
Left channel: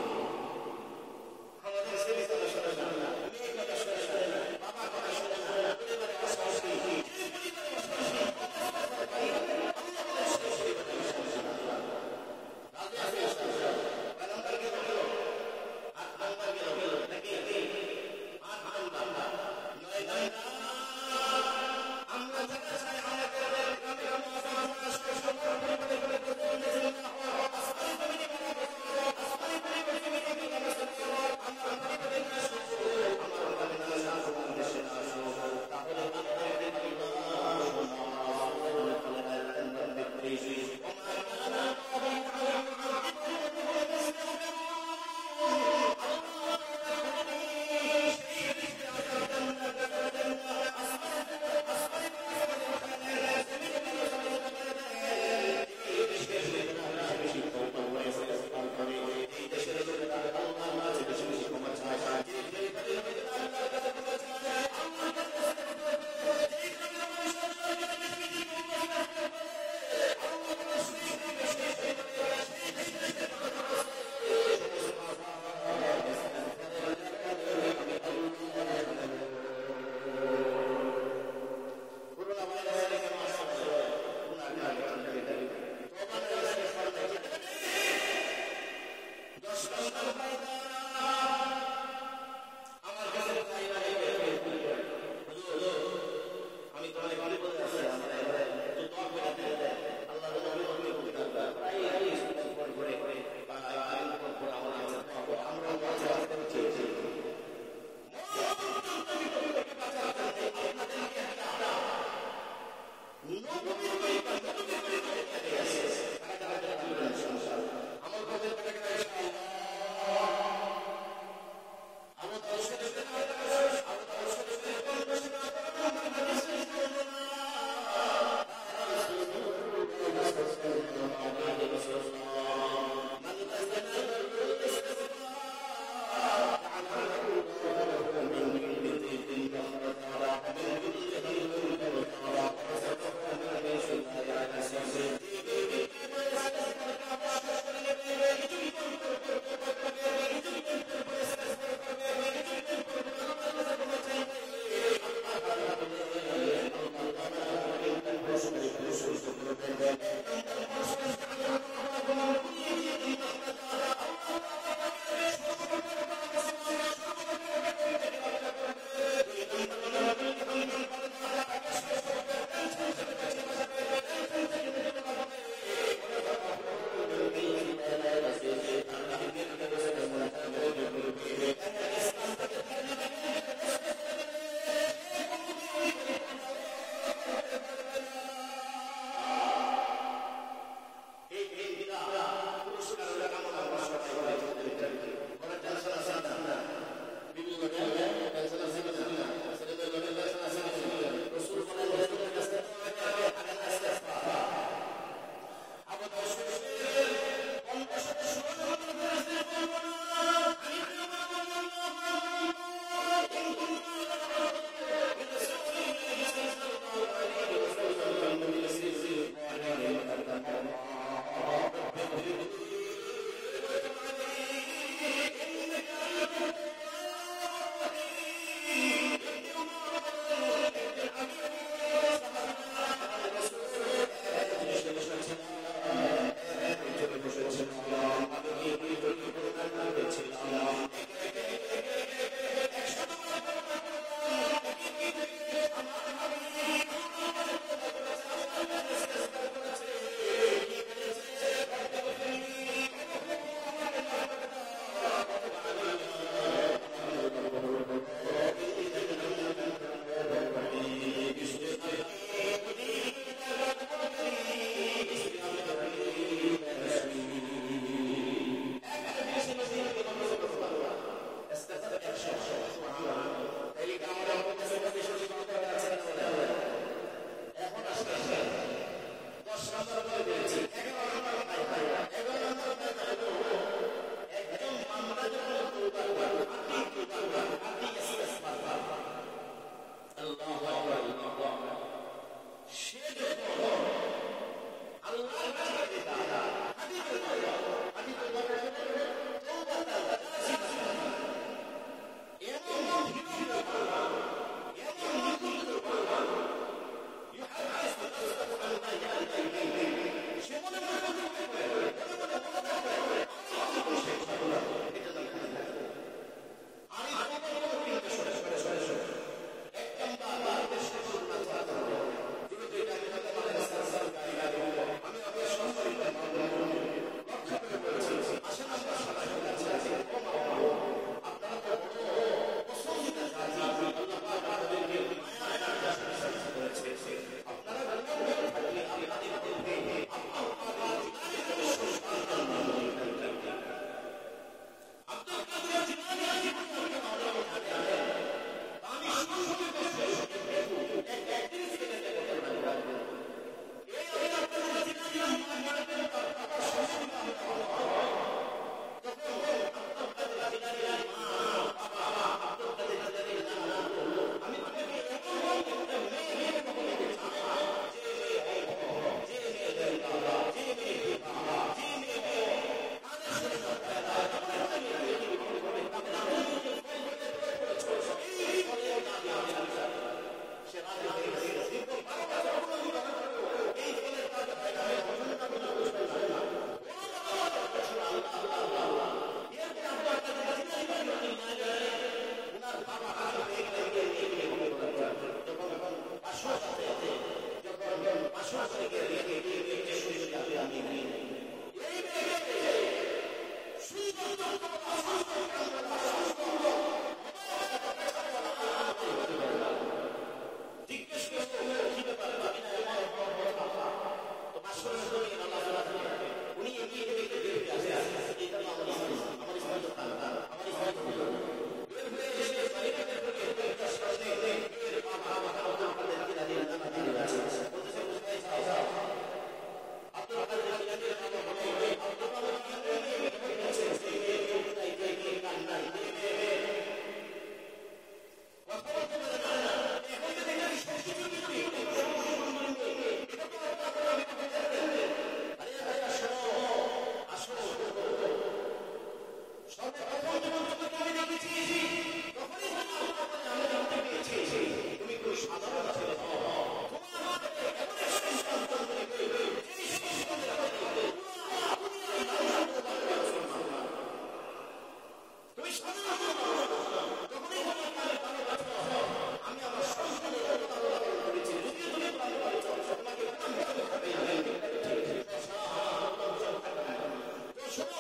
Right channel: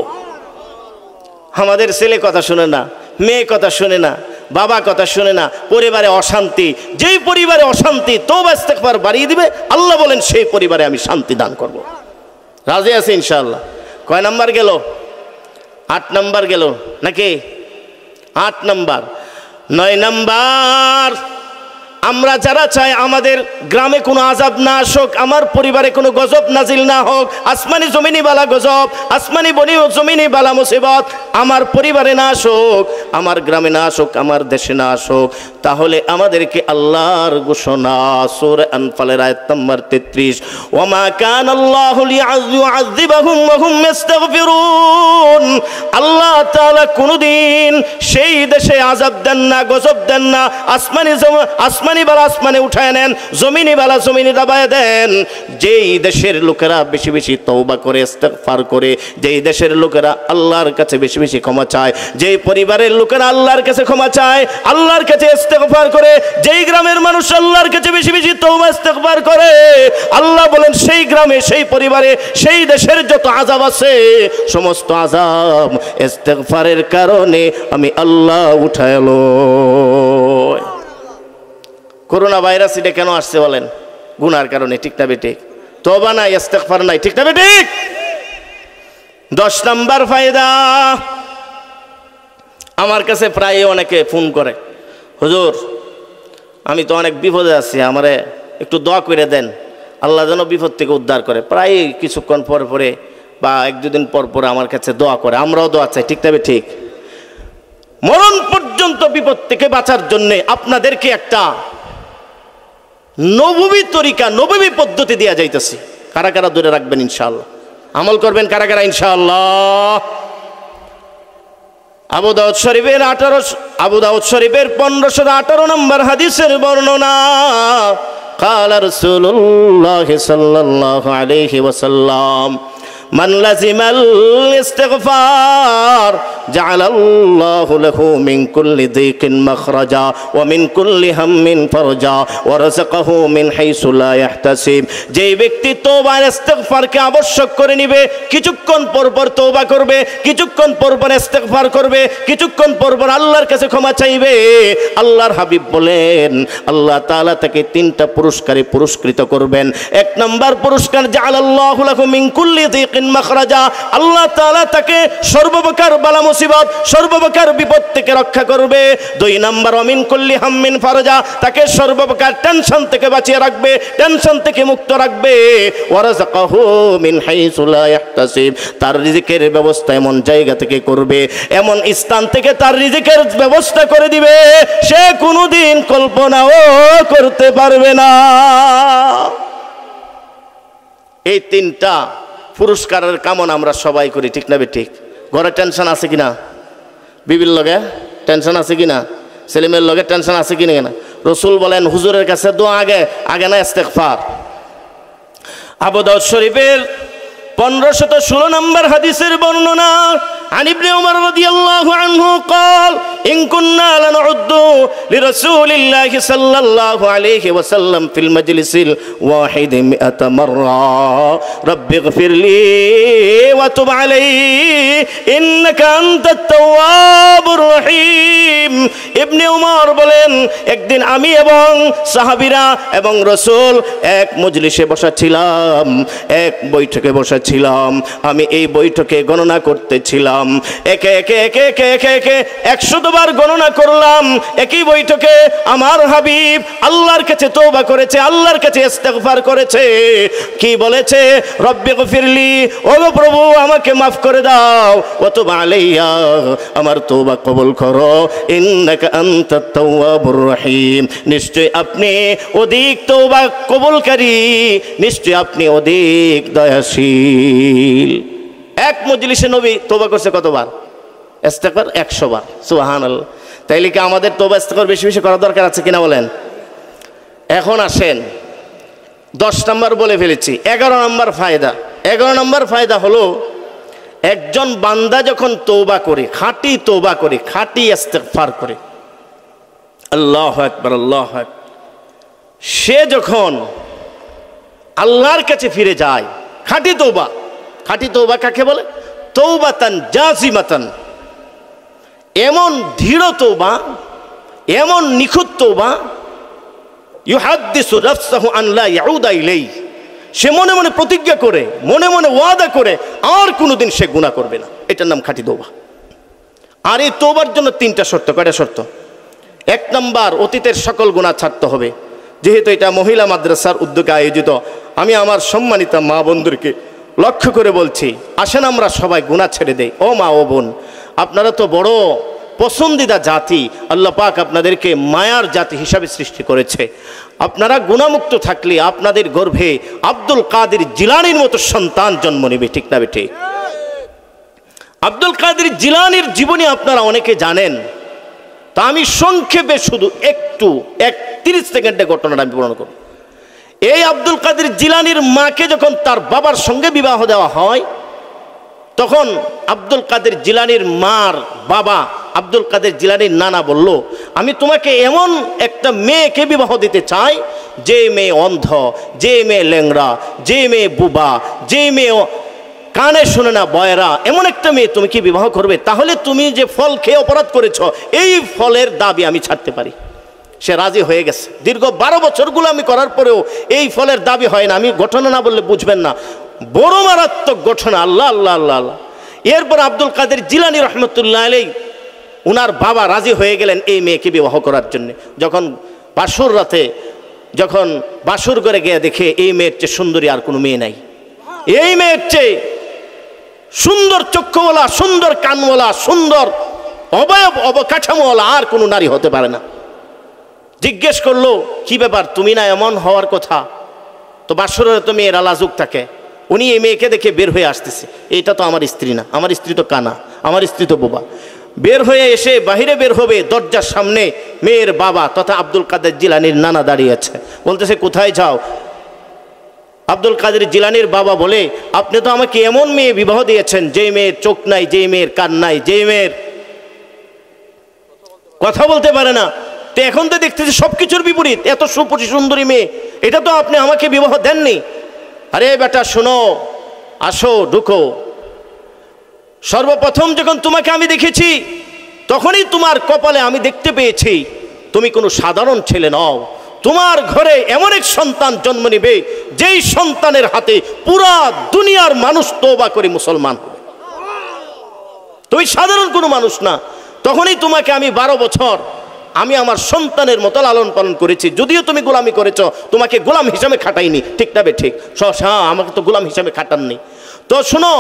আমাদের ছেলে কথা শুনে না, মেয়ে কথা শুনে না, বাবা কথা শুনে না, পরিবারে অশান্তি। যেই পরিবারে অশান্তি, তওবা ইস্তেগফার বাড়িয়ে দিবে, আল্লাহ বলেন সেই পরিবারে আমি শান্তি দান করব। রাজি আছে ইনশাআল্লাহ? কয় নাম্বার গেল? 8 নাম্বার গেল নাকি? 8 নাম্বার। 9 নাম্বার, আমরা যারা চাই আমাদের গ্রামে কোনো আযাব না আসুক, আমার পরিবারে কোনো গজব নাজিল না হোক, আসমানি জমিনি বালা গজব, আসমানি বনি জমিনি বালা মুসিবত আমার পরিবারে না আসুক, আমার গ্রামে না আসুক, আমার দেশে না আসুক, তাহলে আমাদেরকে আল্লাহর ঘোষণা সূরা আনফালের আয়াত নম্বর 33, ওয়ামা কানা আল্লাহু লিয়ুআযিবাহুম ওয়া হুম ইস্তাগফিরুন, আল্লাহ তাআলা কোনদিন সেই দেশে আযাব দেন না, গজব দেন না। আসমানি বালা আসমানে উঠায় নেন, জমিনি বালা জমিনে দাবায় দেন। যেই দেশের লোকেরা বেশি বেশি তওবা করে, ইস্তিগফার করে, যেই দেশের লোকেরা আল্লাহর কাছে বেশি বেশি ক্ষমা চায়, যেই পরিবারের লোকেরা আল্লাহর কাছে ক্ষমা চায়, আল্লাহর কাছে ইস্তিগফার করে, যেই গ্রামের মানুষ আল্লাহর কাছে বেশি বেশি তওবা ইস্তিগফার করে, আল্লাহ বলেন সেই গ্রামে, সেই পরিবারে, সেই দেশের যত আযাব আছে সমস্ত আযাব ইস্তিগফারের কারণে আমি আল্লাহ উঠায় লই। করোনা ভাইরাস এটা কেন আসছে বলেন? গুনার কারণে, ঠিক না বেঠিক? তওবা নাই, ইস্তিগফার নাই, ঠিক না বেঠিক? 10 নাম্বার ফায়দা, আমার কাছে প্রায় অনেকে ফোন করে, হুজুর আমি তো অনেক বিপদে আছি, আমারে একটু দোয়া করে দেন, আল্লাহ যেন বিপদ থেকে উদ্ধার করে। প্রায় কিছুক্ষণ পর পরে বা 1-2 দিন পর পরে আমার কাছে দোয়া করে, আমরাও দোয়া চাই, ঠিক না বেঠিক? মরণ পর্যন্ত বিপদ থেকে বাঁচার জন্য আপনাদেরকে একটা নববী তরিকা, নববী পদ্ধতি দেয়া যাইতেছে। কারা কারা ধরে রাখবেন ইনশাআল্লাহ, আমল করবেন কারা কারা ইনশাআল্লাহ? আবু দাউদ শরীফের 1518 নম্বর হাদিসের বর্ণনা, ক্বালা রাসূলুল্লাহ সাল্লাল্লাহু আলাইহি ওয়াসাল্লাম, মান লাজিমাল ইস্তিগফার জাআলাল্লাহু লাহু মিন কুল্লি যিকিন মাখরাজা ওয়া মিন কুল্লি হাম্মিন ফারজা ওয়া রাযাকাহু মিন হাইসু লা ইয়াহতাসিব। যেই ব্যক্তি তওবা আর ইস্তিগফারকে আবশ্যক করে নিবে, কিছুক্ষণ পর পর তওবা করবে, কিছুক্ষণ পর পর ইস্তিগফার করবে, কিছুক্ষণ পর পর আল্লাহর কাছে ক্ষমা চাইবে, আল্লাহর হাবিব বলেন আল্লাহ তাআলা তাকে 3টা পুরস্কারে পুরস্কৃত করবেন। 1 নাম্বার পুরস্কার, জাআলাল্লাহু লাহু মিন কুল্লি যিকিন মাখরাজা, আল্লাহ তাআলা তাকে সর্বপ্রকার বালা মুসিবত, সর্বপ্রকার বিপদ থেকে রক্ষা করবে। 2 নাম্বার, মিন কুল্লি হাম্মিন ফারজা, তাকে সর্বপ্রকার টেনশন থেকে বাঁচিয়ে রাখবে, টেনশন থেকে মুক্ত রাখবে। ওয়া রাযাকাহু মিন হাইসু লা ইয়াহতাসিব, তার রিজিকের ব্যবস্থা এমন জায়গা থেকে করবে, এমন স্থান থেকে তার রিজিকের ব্যবস্থা করে দিবে সে কোনোদিন কল্পনাও করতে পারবে না। এই 3টা পুরস্কারের কামনা আমরা সবাই করি, ঠিক না বেঠিক? ঘরে টেনশন আছে কিনা? বিবির লগে টেনশন আছে কিনা? ছেলেমেয়ের লগে টেনশন আছে কিনা? রাসূল বলেন হুজুরের কাছে দোয়া আগে না ইস্তিগফার। আবু দাউদ শরীফের 1516 নম্বর হাদিসের বর্ণনা, عن ابن عمر رضي الله عنه قال إن كنا لنعد لرسول الله صلى الله عليه وسلم في المجلس الواحد 100 مرة رب اغفر لي وتب علي إنك أنت التواب الرحيم। ইবনে উমর বলেন একদিন আমি এবং সাহাবীরা এবং রাসূল এক মজলিসে বসেছিলাম, এক বৈঠকে বসেছিলাম। আমি এই বৈঠকে গণনা করতেছিলাম, একে একে একে একে একে একে 100 বার গণনা করলাম। একই বৈঠকে আমার হাবিব আল্লাহর কাছে তওবা করেছে, আল্লাহর কাছে ইস্তিগফার করেছে। কি বলেছে? রব্বি গফিরলি, ওগো প্রভু আমাকে মাফ করে দাও, ওয়া তুব আলাইয়া, আমার তওবা কবুল করো, ইন্নাকা আনতাত তাওয়াবুর রহিম, নিশ্চয় আপনি অধিক তওবা কবুলকারী, নিশ্চয় আপনি অধিক দয়াশীল। এক মজলিসে নবী তওবা করছে কতবার? ইস্তিগফার 100 বার। সুবহানাল্লাহ। তাইলে কি আমাদের তওবা ইস্তিগফার বেশি বেশি করা দরকার আছে কিনা বলেন? এখন আসেন 10 নম্বর বলে ফেলেছি। 11 নম্বর ফায়দা। 11 নম্বর ফায়দা হলো একজন বান্দা যখন তওবা করে, খাঁটি তওবা করে, খাঁটি ইস্তিগফার করে, আল্লাহু আকবার আল্লাহু আকবার, সে যখন আল্লাহর কাছে ফিরে যায়, খাঁটি তওবা। খাঁটি তওবা কাকে বলে? তওবাতান জাযিমাতান, এমন দৃঢ় তওবা, এমন নিখুঁত তওবা, ইউহাদ্দিসু নাফসাহু আন লা ইয়াউদা ইলাইহি, সে মনে মনে প্রতিজ্ঞা করে, মনে মনে ওয়াদা করে আর কোনোদিন সে গুনাহ করবে না। এটার নাম খাঁটি তওবা। আর এই তওবার জন্য 3টা শর্ত। কয়টা শর্ত? 1 নম্বর, অতীতের সকল গুনাহ ছাড়তে হবে। যেহেতু এটা মহিলা মাদ্রাসার উদ্যোগে আয়োজিত, আমি আমার সম্মানিত মা বোনদেরকে লক্ষ্য করে বলছি, আসেন আমরা সবাই গুনাহ ছেড়ে দেই। ও মা ও বোন, আপনারা তো বড় পছন্দিদা জাতি, আল্লাহ পাক আপনাদেরকে মায়ার জাতি হিসাবে সৃষ্টি করেছে। আপনারা গুনাহমুক্ত থাকলে আপনাদের গর্ভে আব্দুল কাদের জিলানীর মতো সন্তান জন্ম নেবে, ঠিক না বেঠিক? আব্দুল কাদের জিলানীর জীবনী আপনারা অনেকে জানেন, তা আমি সংক্ষেপে শুধু একটু 30 সেকেন্ডে ঘটনাটা আমি বর্ণনা করব। এই আব্দুল কাদের জিলানীর মাকে যখন তার বাবার সঙ্গে বিবাহ দেওয়া হয়, তখন আব্দুল কাদের জিলানীর মার বাবা আব্দুল কাদের জিলানীর নানা বলল, আমি তোমাকে এমন একটা মেয়েকে বিবাহ দিতে চাই, যে মেয়ে অন্ধ, যে মেয়ে ল্যাংড়া, যে মেয়ে বুবা, যে মেয়ে কানে শোনে না, বয়রা, এমন একটা মেয়ে তুমি কি বিবাহ করবে? তাহলে তুমি যে ফল খেয়ে অপরাধ করেছ, এই ফলের দাবি আমি ছাড়তে পারি। সে রাজি হয়ে গেছে। দীর্ঘ 12 বছর গোলামি করার পরেও এই ফলের দাবি হয় না। আমি ঘটনা না বললে বুঝবেন না, বড় মারাত্মক ঘটনা। আল্লাহ আল্লাহ আল্লাহ আল্লাহ। এরপর আব্দুল কাদের জিলানী রহমতুল্লাহ আলাইহি উনার বাবা রাজি হয়ে গেলেন এই মেয়েকে বিবাহ করার জন্য। যখন বাসর রাতে যখন বাসর করে গিয়ে দেখে এই মেয়ের চেয়ে সুন্দরী আর কোনো মেয়ে নাই, এই মেয়ের চেয়ে সুন্দর চক্ষুওয়ালা, সুন্দর কানওয়ালা, সুন্দর অবয়ব অবকাঠামোওয়ালা আর কোনো নারী হতে পারে না। জিজ্ঞেস করলো, কি ব্যাপার, তুমি না এমন হওয়ার কথা? তো বাসরের তো মেয়েরা লাজুক থাকে। উনি এই মেয়েকে দেখে বের হয়ে আসতেছে, এটা তো আমার স্ত্রী না, আমার স্ত্রী তো কানা, আমার স্ত্রী তো বোবা। বের হয়ে এসে বাহিরে বের হবে, দরজার সামনে মেয়ের বাবা তথা আব্দুল কাদের জিলানীর নানা দাঁড়িয়ে আছে। বলতেছে, কোথায় যাও? আব্দুল কাদের জিলানীর বাবা বলে, আপনি তো আমাকে এমন মেয়ে বিবাহ দিয়েছেন, যে মেয়ের চোখ নাই, যে মেয়ের কান নাই, যে মেয়ের কথা বলতে পারে না। তো এখন তো দেখতেছি সবকিছুর বিপরীত, এত সুন্দরী মেয়ে, এটা তো আপনি আমাকে বিবাহ দেননি। আরে বেটা শোনো, আসো ঢুকো। সর্বপ্রথম যখন তোমাকে আমি দেখেছি, তখনই তোমার কপালে আমি দেখতে পেয়েছি তুমি কোনো সাধারণ ছেলে নও। তোমার ঘরে এমন এক সন্তান জন্ম নেবে, যেই সন্তানের হাতে পুরা দুনিয়ার মানুষ তওবা করে মুসলমান হবে। তুমি সাধারণ কোনো মানুষ না। তখনই তোমাকে আমি 12 বছর আমি আমার সন্তানের মতো লালন পালন করেছি। যদিও তুমি গোলামি করেছ, তোমাকে গোলাম হিসাবে খাটাইনি, ঠিক না বে ঠিক? হ্যাঁ, আমাকে তো গোলাম হিসাবে খাটাননি। তো শোনো,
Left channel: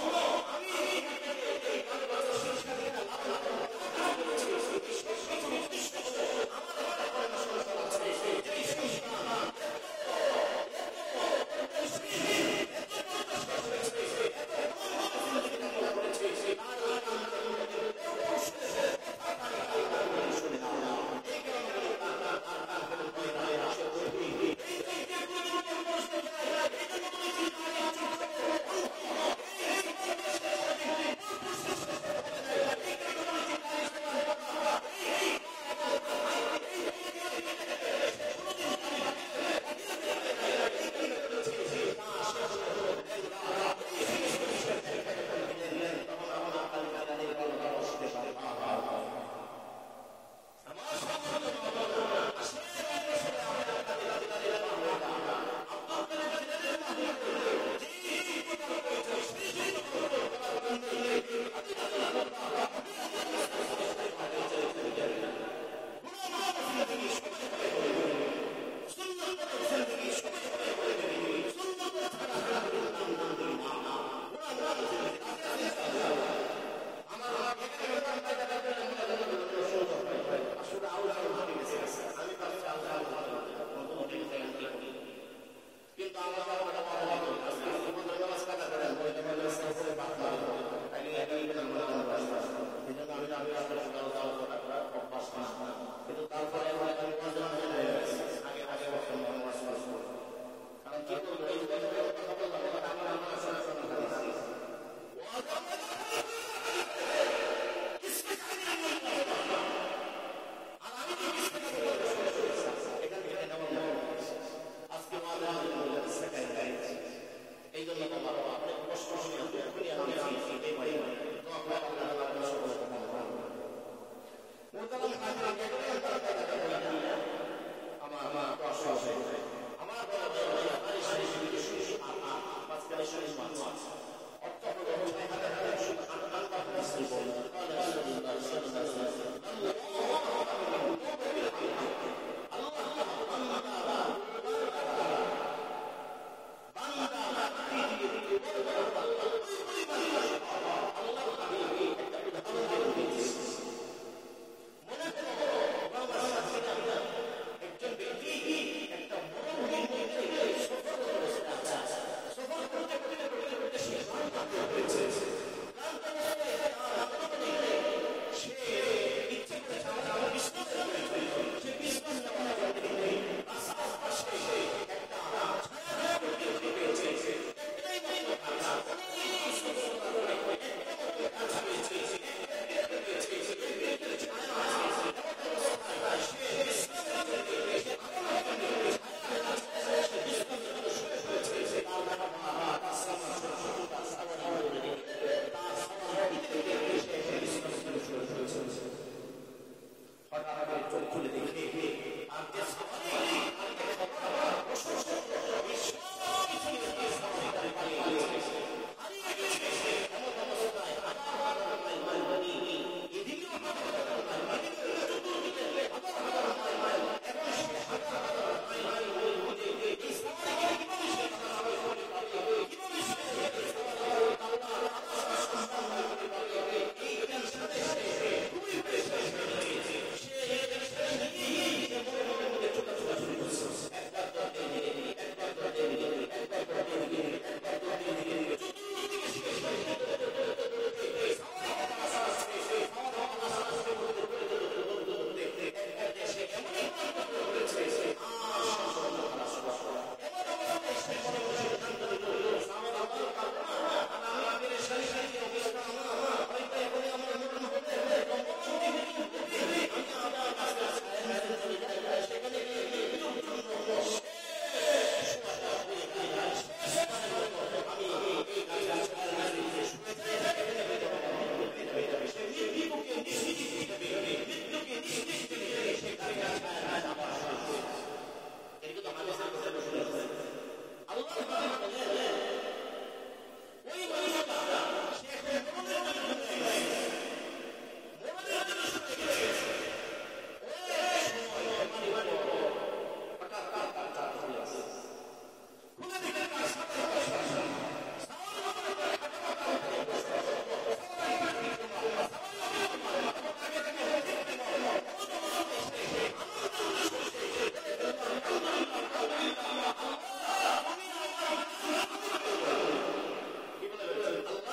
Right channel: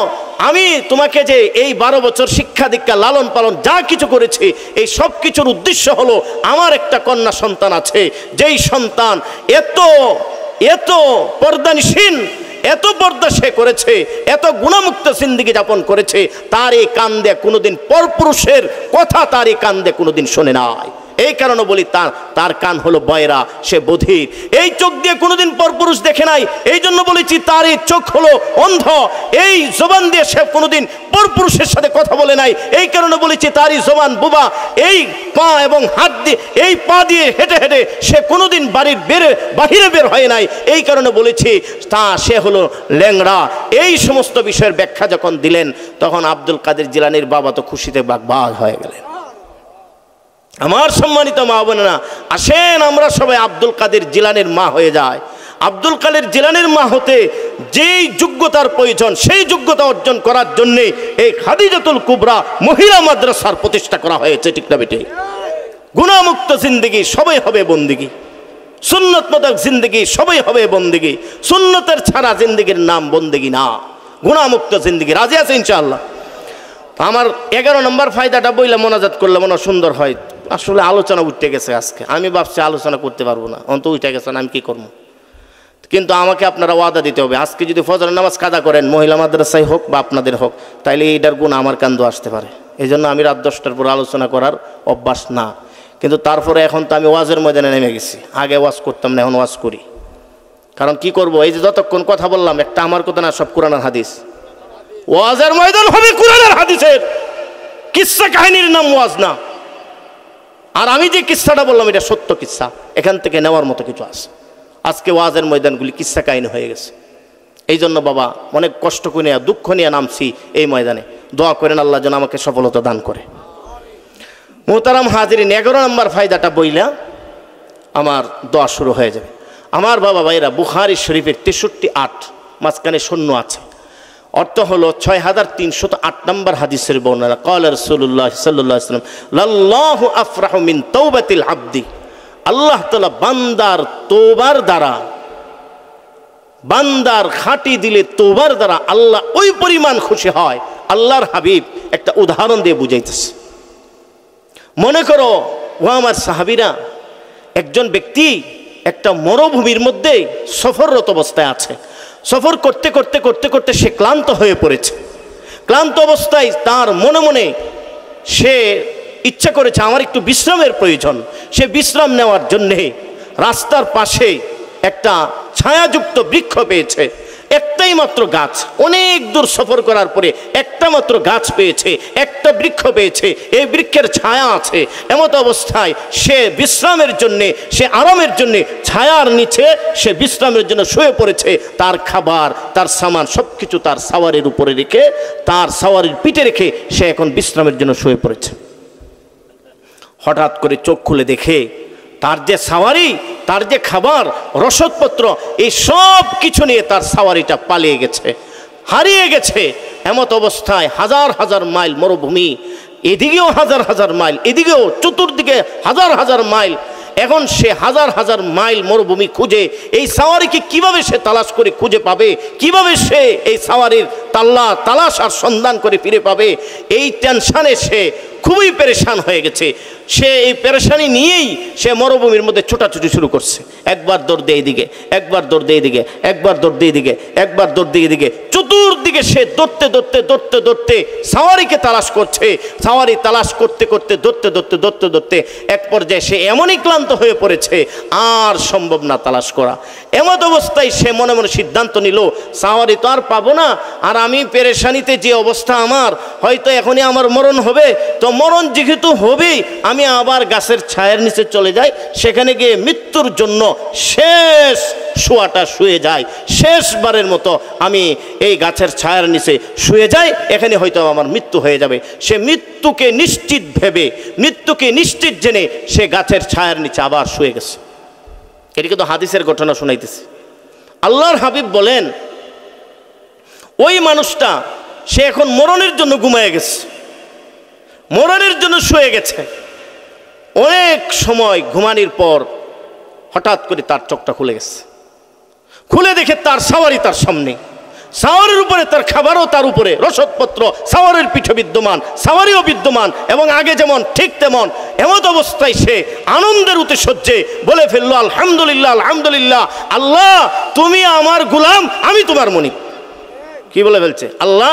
আমি তোমাকে যে এই 12 বছর শিক্ষা দীক্ষা লালন পালন যা কিছু করেছি, এই সব কিছুর উদ্দেশ্য হলো, আমার একটা কন্যা সন্তান আছে, যেই সন্তান এত এত পর্দানিসীন, এত পর্দা সে করেছে, এত গুণামুক্ত জিন্দেগি যাপন করেছে, তার এই কান দিয়ে কোনোদিন পরপুরুষের কথা তার এই কান দিয়ে কোনোদিন শোনে নাই। এই কারণে বলি তার কান হলো বয়রা, সে বধির। এই চোখ দিয়ে কোনোদিন পরপুরুষ দেখে নাই, এই জন্য বলেছি তার এই চোখ হলো অন্ধ। এই জবান দিয়ে সে কোনোদিন পরপুরুষের সাথে কথা বলে নাই, এই কারণে বলেছি তারই জবান বুবা। এই পা এবং হাত দিয়ে, এই পা দিয়ে হেঁটে হেঁটে সে কোনোদিন বাড়ির বাহিরে বের হয় নাই, এই কারণে বলেছি সে হলো ল্যাংড়া। এই সমস্ত বিষয়ের ব্যাখ্যা যখন দিলেন, তখন আব্দুল কাদের জিলানীর বাবা তো খুশিতে বাগ হয়ে গেলেন। আমার সম্মানিত মা বোনেরা, আসেন আমরা সবাই আব্দুল কাদের জিলানীর মা হয়ে যায়। আব্দুল কাদের জিলানীর মা হতে যেই যোগ্যতার প্রয়োজন, সেই যোগ্যতা অর্জন করার জন্য এই খাদিজাতুল কুবরা মহিলা মাদ্রাসার প্রতিষ্ঠা করা হয়েছে, ঠিক না বেটে? গুনাহমুক্ত জিন্দেগি সবাই হবে বন্দিগি, সুন্নত মোতাবেক জিন্দেগি সবাই হবে বন্দিগি। সুন্নতের ছাড়া জিন্দেগির নাম বন্দিগি না, গুনাহমুক্ত জিন্দেগি। রাজি আছে ইনশাআল্লাহ? আমার 11 নম্বর ফায়দাটা বইলে মোনাজাত করলে মনে সুন্দর হয়। আসলে আলোচনা উঠে গেছে আজকে, আমি ভাবছি আলোচনা করতে পারবো না, অন্ত উঠে গেছে না, আমি কি করবো? কিন্তু আমাকে আপনারা ওয়াদা দিতে হবে, আজকে যদি ফজরের নামাজ কাদা করেন, মহিলা মাদ্রাসায় হোক বা আপনাদের হোক, তাইলে এইটার গুণ আমার কান্দ আসতে পারে। এই জন্য আমি রাত 10টার পর আলোচনা করার অভ্যাস না। কিন্তু তারপরে এখন তো আমি ওয়াজের ময়দানে নেমে গেছি। আগে ওয়াজ করতাম না, এখন ওয়াজ করি। কারণ কি করব, এই যে যতক্ষণ কথা বললাম, একটা আমার কথা না, সব কোরআনের হাদিস। ওয়াজের ময়দান হবে কোরআনের হাদিসের, কিসসা কাহিনীর নাম ওয়াজ না। আর আমি যে কিসসাটা বললাম, এটা সত্য কিসসা, এখান থেকে নেওয়ার মতো কিছু আছে। আজকে ওয়াজের ময়দানগুলি কিসসা কাহিনী হয়ে গেছে। এই জন্য বাবা অনেক কষ্ট করে নিয়ে, দুঃখ নিয়ে নামছি এই ময়দানে। দোয়া করেন আল্লাহ যেন আমাকে সফলতা দান করে। মোহতারাম হাজিরিন, 11 নম্বর ফায়দাটা বইলা আমার দোয়া শুরু হয়ে যাবে। আমার বাবা ভাইরা, বুখারী শরীফের 63-8 মাঝখানে শূন্য আছে। অর্থ হলো 6308 নম্বর হাদিসের বর্ণনা, ক্বালা রাসূলুল্লাহ সাল্লাল্লাহু আলাইহি ওয়াসাল্লাম লাল্লাহু আফরাহু মিন তাওবাতিল আবদি, আল্লাহ তাআলা বান্দার তওবার দ্বারা, বান্দার খাঁটি দিলে তওবার দ্বারা আল্লাহ ওই পরিমাণ খুশি হয়। আল্লাহর হাবিব একটা উদাহরণ দিয়ে বুঝাইতেছে। মনে করো ও আমার সাহাবীরা, একজন ব্যক্তি একটা মরুভূমির মধ্যে সফররত অবস্থায় আছে। সফর করতে করতে করতে করতে সে ক্লান্ত হয়ে পড়েছে। ক্লান্ত অবস্থায় তার মনে মনে সে ইচ্ছা করেছে আমার একটু বিশ্রামের প্রয়োজন। সে বিশ্রাম নেওয়ার জন্যে রাস্তার পাশে একটা ছায়াযুক্ত বৃক্ষ পেয়েছে, একটাই মাত্র গাছ। অনেক দূর সফর করার পরে একটা মাত্র গাছ পেয়েছে, একটা বৃক্ষ পেয়েছে, এই বৃক্ষের ছায়া আছে। এমত অবস্থায় সে বিশ্রামের জন্যে, সে আরামের জন্যে ছায়ার নিচে সে বিশ্রামের জন্য শুয়ে পড়েছে। তার খাবার, তার সামান সব কিছু তার সাওয়ারির উপরে রেখে, তার সাওয়ারির পিঠে রেখে সে এখন বিশ্রামের জন্য শুয়ে পড়েছে। হঠাৎ করে চোখ খুলে দেখে তার যে সাওয়ারি, তার যে খাবার, রসদপত্র, এই সব কিছু নিয়ে তার সাওয়ারিটা পালিয়ে গেছে, হারিয়ে গেছে। এমত অবস্থায় হাজার হাজার মাইল মরুভূমি, এদিকেও হাজার হাজার মাইল, এদিকেও চতুর্দিকে হাজার হাজার মাইল। এখন সে হাজার হাজার মাইল মরুভূমি খুঁজে এই সাওয়ারিকে কিভাবে সে তালাশ করে খুঁজে পাবে, কিভাবে সে এই সাওয়ারির তালাশ আর সন্ধান করে ফিরে পাবে, এই টেনশানে সে খুবই পেরেশান হয়ে গেছে। সে এই পেরেশানি নিয়েই সে মরুভূমির মধ্যে ছোটাছুটি শুরু করছে। একবার দৌড় দিয়ে এদিকে, একবার দৌড় দিয়ে এদিকে, একবার দৌড় দিয়ে এদিকে, একবার দৌড় দিয়ে এদিকে, চতুর্দিকে সে দৌড়তে দৌড়তে দৌড়তে দৌড়তে সাওয়ারিকে তালাশ করছে। সাওয়ারি তালাশ করতে করতে দৌড়তে দৌড়তে দৌড়তে দৌড়তে এক পর্যায়ে সে এমনই ক্লান্ত হয়ে পড়েছে, আর সম্ভব না তালাশ করা। এমত অবস্থায় সে মনে মনে সিদ্ধান্ত নিল, সাওয়ারি তো আর পাবো না, আর আমি পেরেশানিতে যে অবস্থা আমার, হয়তো এখনই আমার মরণ হবে। তো মরণ যেহেতু হবেই, আমি আবার গাছের ছায়ার নিচে চলে যাই, সেখানে গিয়ে মৃত্যুর জন্য শেষ শোয়াটা শুয়ে যাই, শেষবারের মতো আমি এই গাছের ছায়ার নিচে শুয়ে যাই, এখানে হয়তো আমার মৃত্যু হয়ে যাবে। সে মৃত্যুকে নিশ্চিত ভেবে, মৃত্যুকে নিশ্চিত জেনে সে গাছের ছায়ার নিচে আবার শুয়ে গেছে। এটি কিন্তু হাদিসের ঘটনা শোনাইতেছে। আল্লাহর হাবিব বলেন, ওই মানুষটা সে এখন মরণের জন্য ঘুমায় গেছে, মরণের জন্য শুয়ে গেছে। অনেক সময় ঘুমানোর পর হঠাৎ করে তার চোখটা খুলে গেছে। খুলে দেখে তার সাওয়ারি তার সামনে, সাওয়ারির উপরে তার খাবারও, তার উপরে রসদপত্র, সাওয়ারির পিঠে বিদ্যমান, সাওয়ারিও বিদ্যমান, এবং আগে যেমন ঠিক তেমন। এমত অবস্থায় সে আনন্দের উৎসজ্জে বলে ফেললো, আলহামদুলিল্লাহ, আলহামদুলিল্লাহ, আল্লাহ তুমি আমার গোলাম, আমি তোমার মনিব। কি বলে ফেলছে? আল্লাহ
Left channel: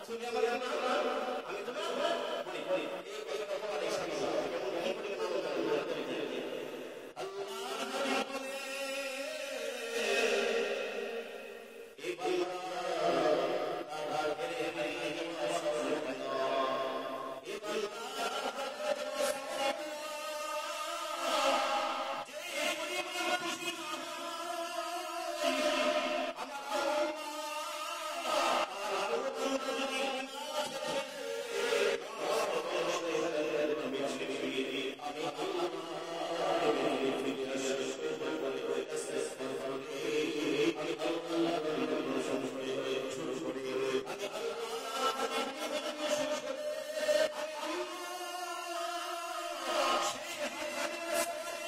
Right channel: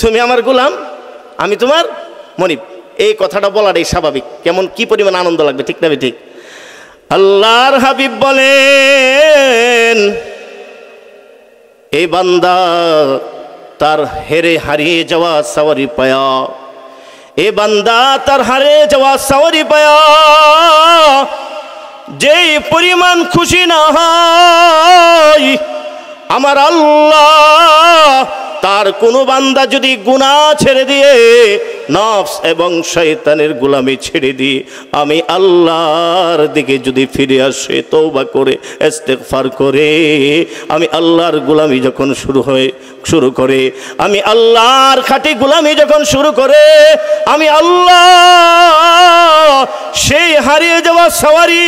তুমি আমার গোলাম, আমি তোমার মনিব। এই কথাটা বলাটাই স্বাভাবিক। কেমন কি পরিমাণ আনন্দ লাগবে, ঠিক না ঠিক? আল্লাহর হাবিব বলেন, এই বান্দা তার হারিয়ে যাওয়া সাওয়ারি পায়া, এ বান্দা তার হারিয়ে যাওয়া সাওয়ারি পায়া যেই পরিমাণ খুশি না হয়, আমার আল্লাহ তার কোনো বান্দা যদি গুনাহ ছেড়ে দিয়ে, নফস এবং শয়তানের গোলামি ছেড়ে দিয়ে আমি আল্লাহর দিকে যদি ফিরে আসে, তওবা করে, ইস্তিগফার করে, আমি আল্লাহর গোলামি যখন শুরু করে, আমি আল্লাহর খাঁটি গোলামি যখন শুরু করে, আমি আল্লাহ সেই হারিয়ে যাওয়া সাওয়ারি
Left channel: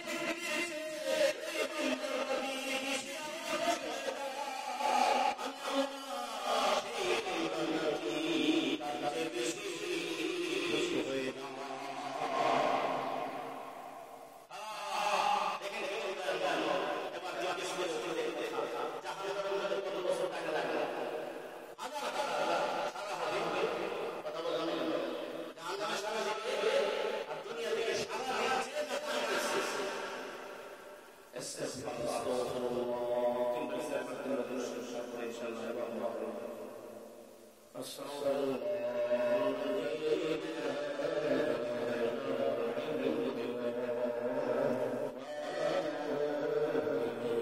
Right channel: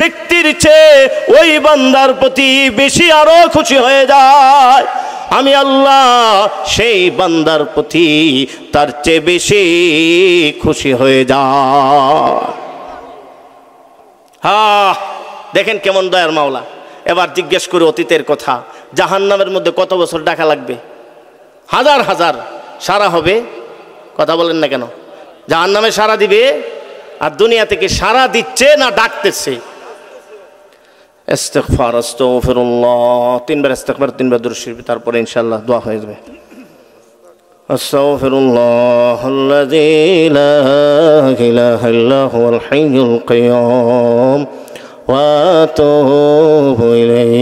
ব্যক্তির চেয়ে ওই বান্দার প্রতি বেশি আরো খুশি হয়ে যায়। আমি আল্লাহ সেই বান্দার প্রতি তার চেয়ে বেশি খুশি হয়ে যায়। দেখেন কেমন দয়ার মাওলা। এবার জিজ্ঞেস করে অতীতের কথা, জাহান্নামের মধ্যে কত বছর ডাকা লাগবে? হাজার হাজার। সারা হবে? কথা বলেন না কেন? জাহান্নামে সারা দিবে, আর দুনিয়া থেকে সারা দিচ্ছে না ডাকতেছে? ইস্তিগফার, আস্তাগফিরুল্লাহ, তিনবার ইস্তিগফার, তিনবার দুরূদ শরীফ, তারপরে ইনশাআল্লাহ দোয়া হয়ে যাবে। আস্তাগফিরুল্লাহাল্লাযী লা ইলাহা ইল্লা হুয়াল হাইয়ুল কাইয়্যুম ওয়া আতুবু ইলাইহি।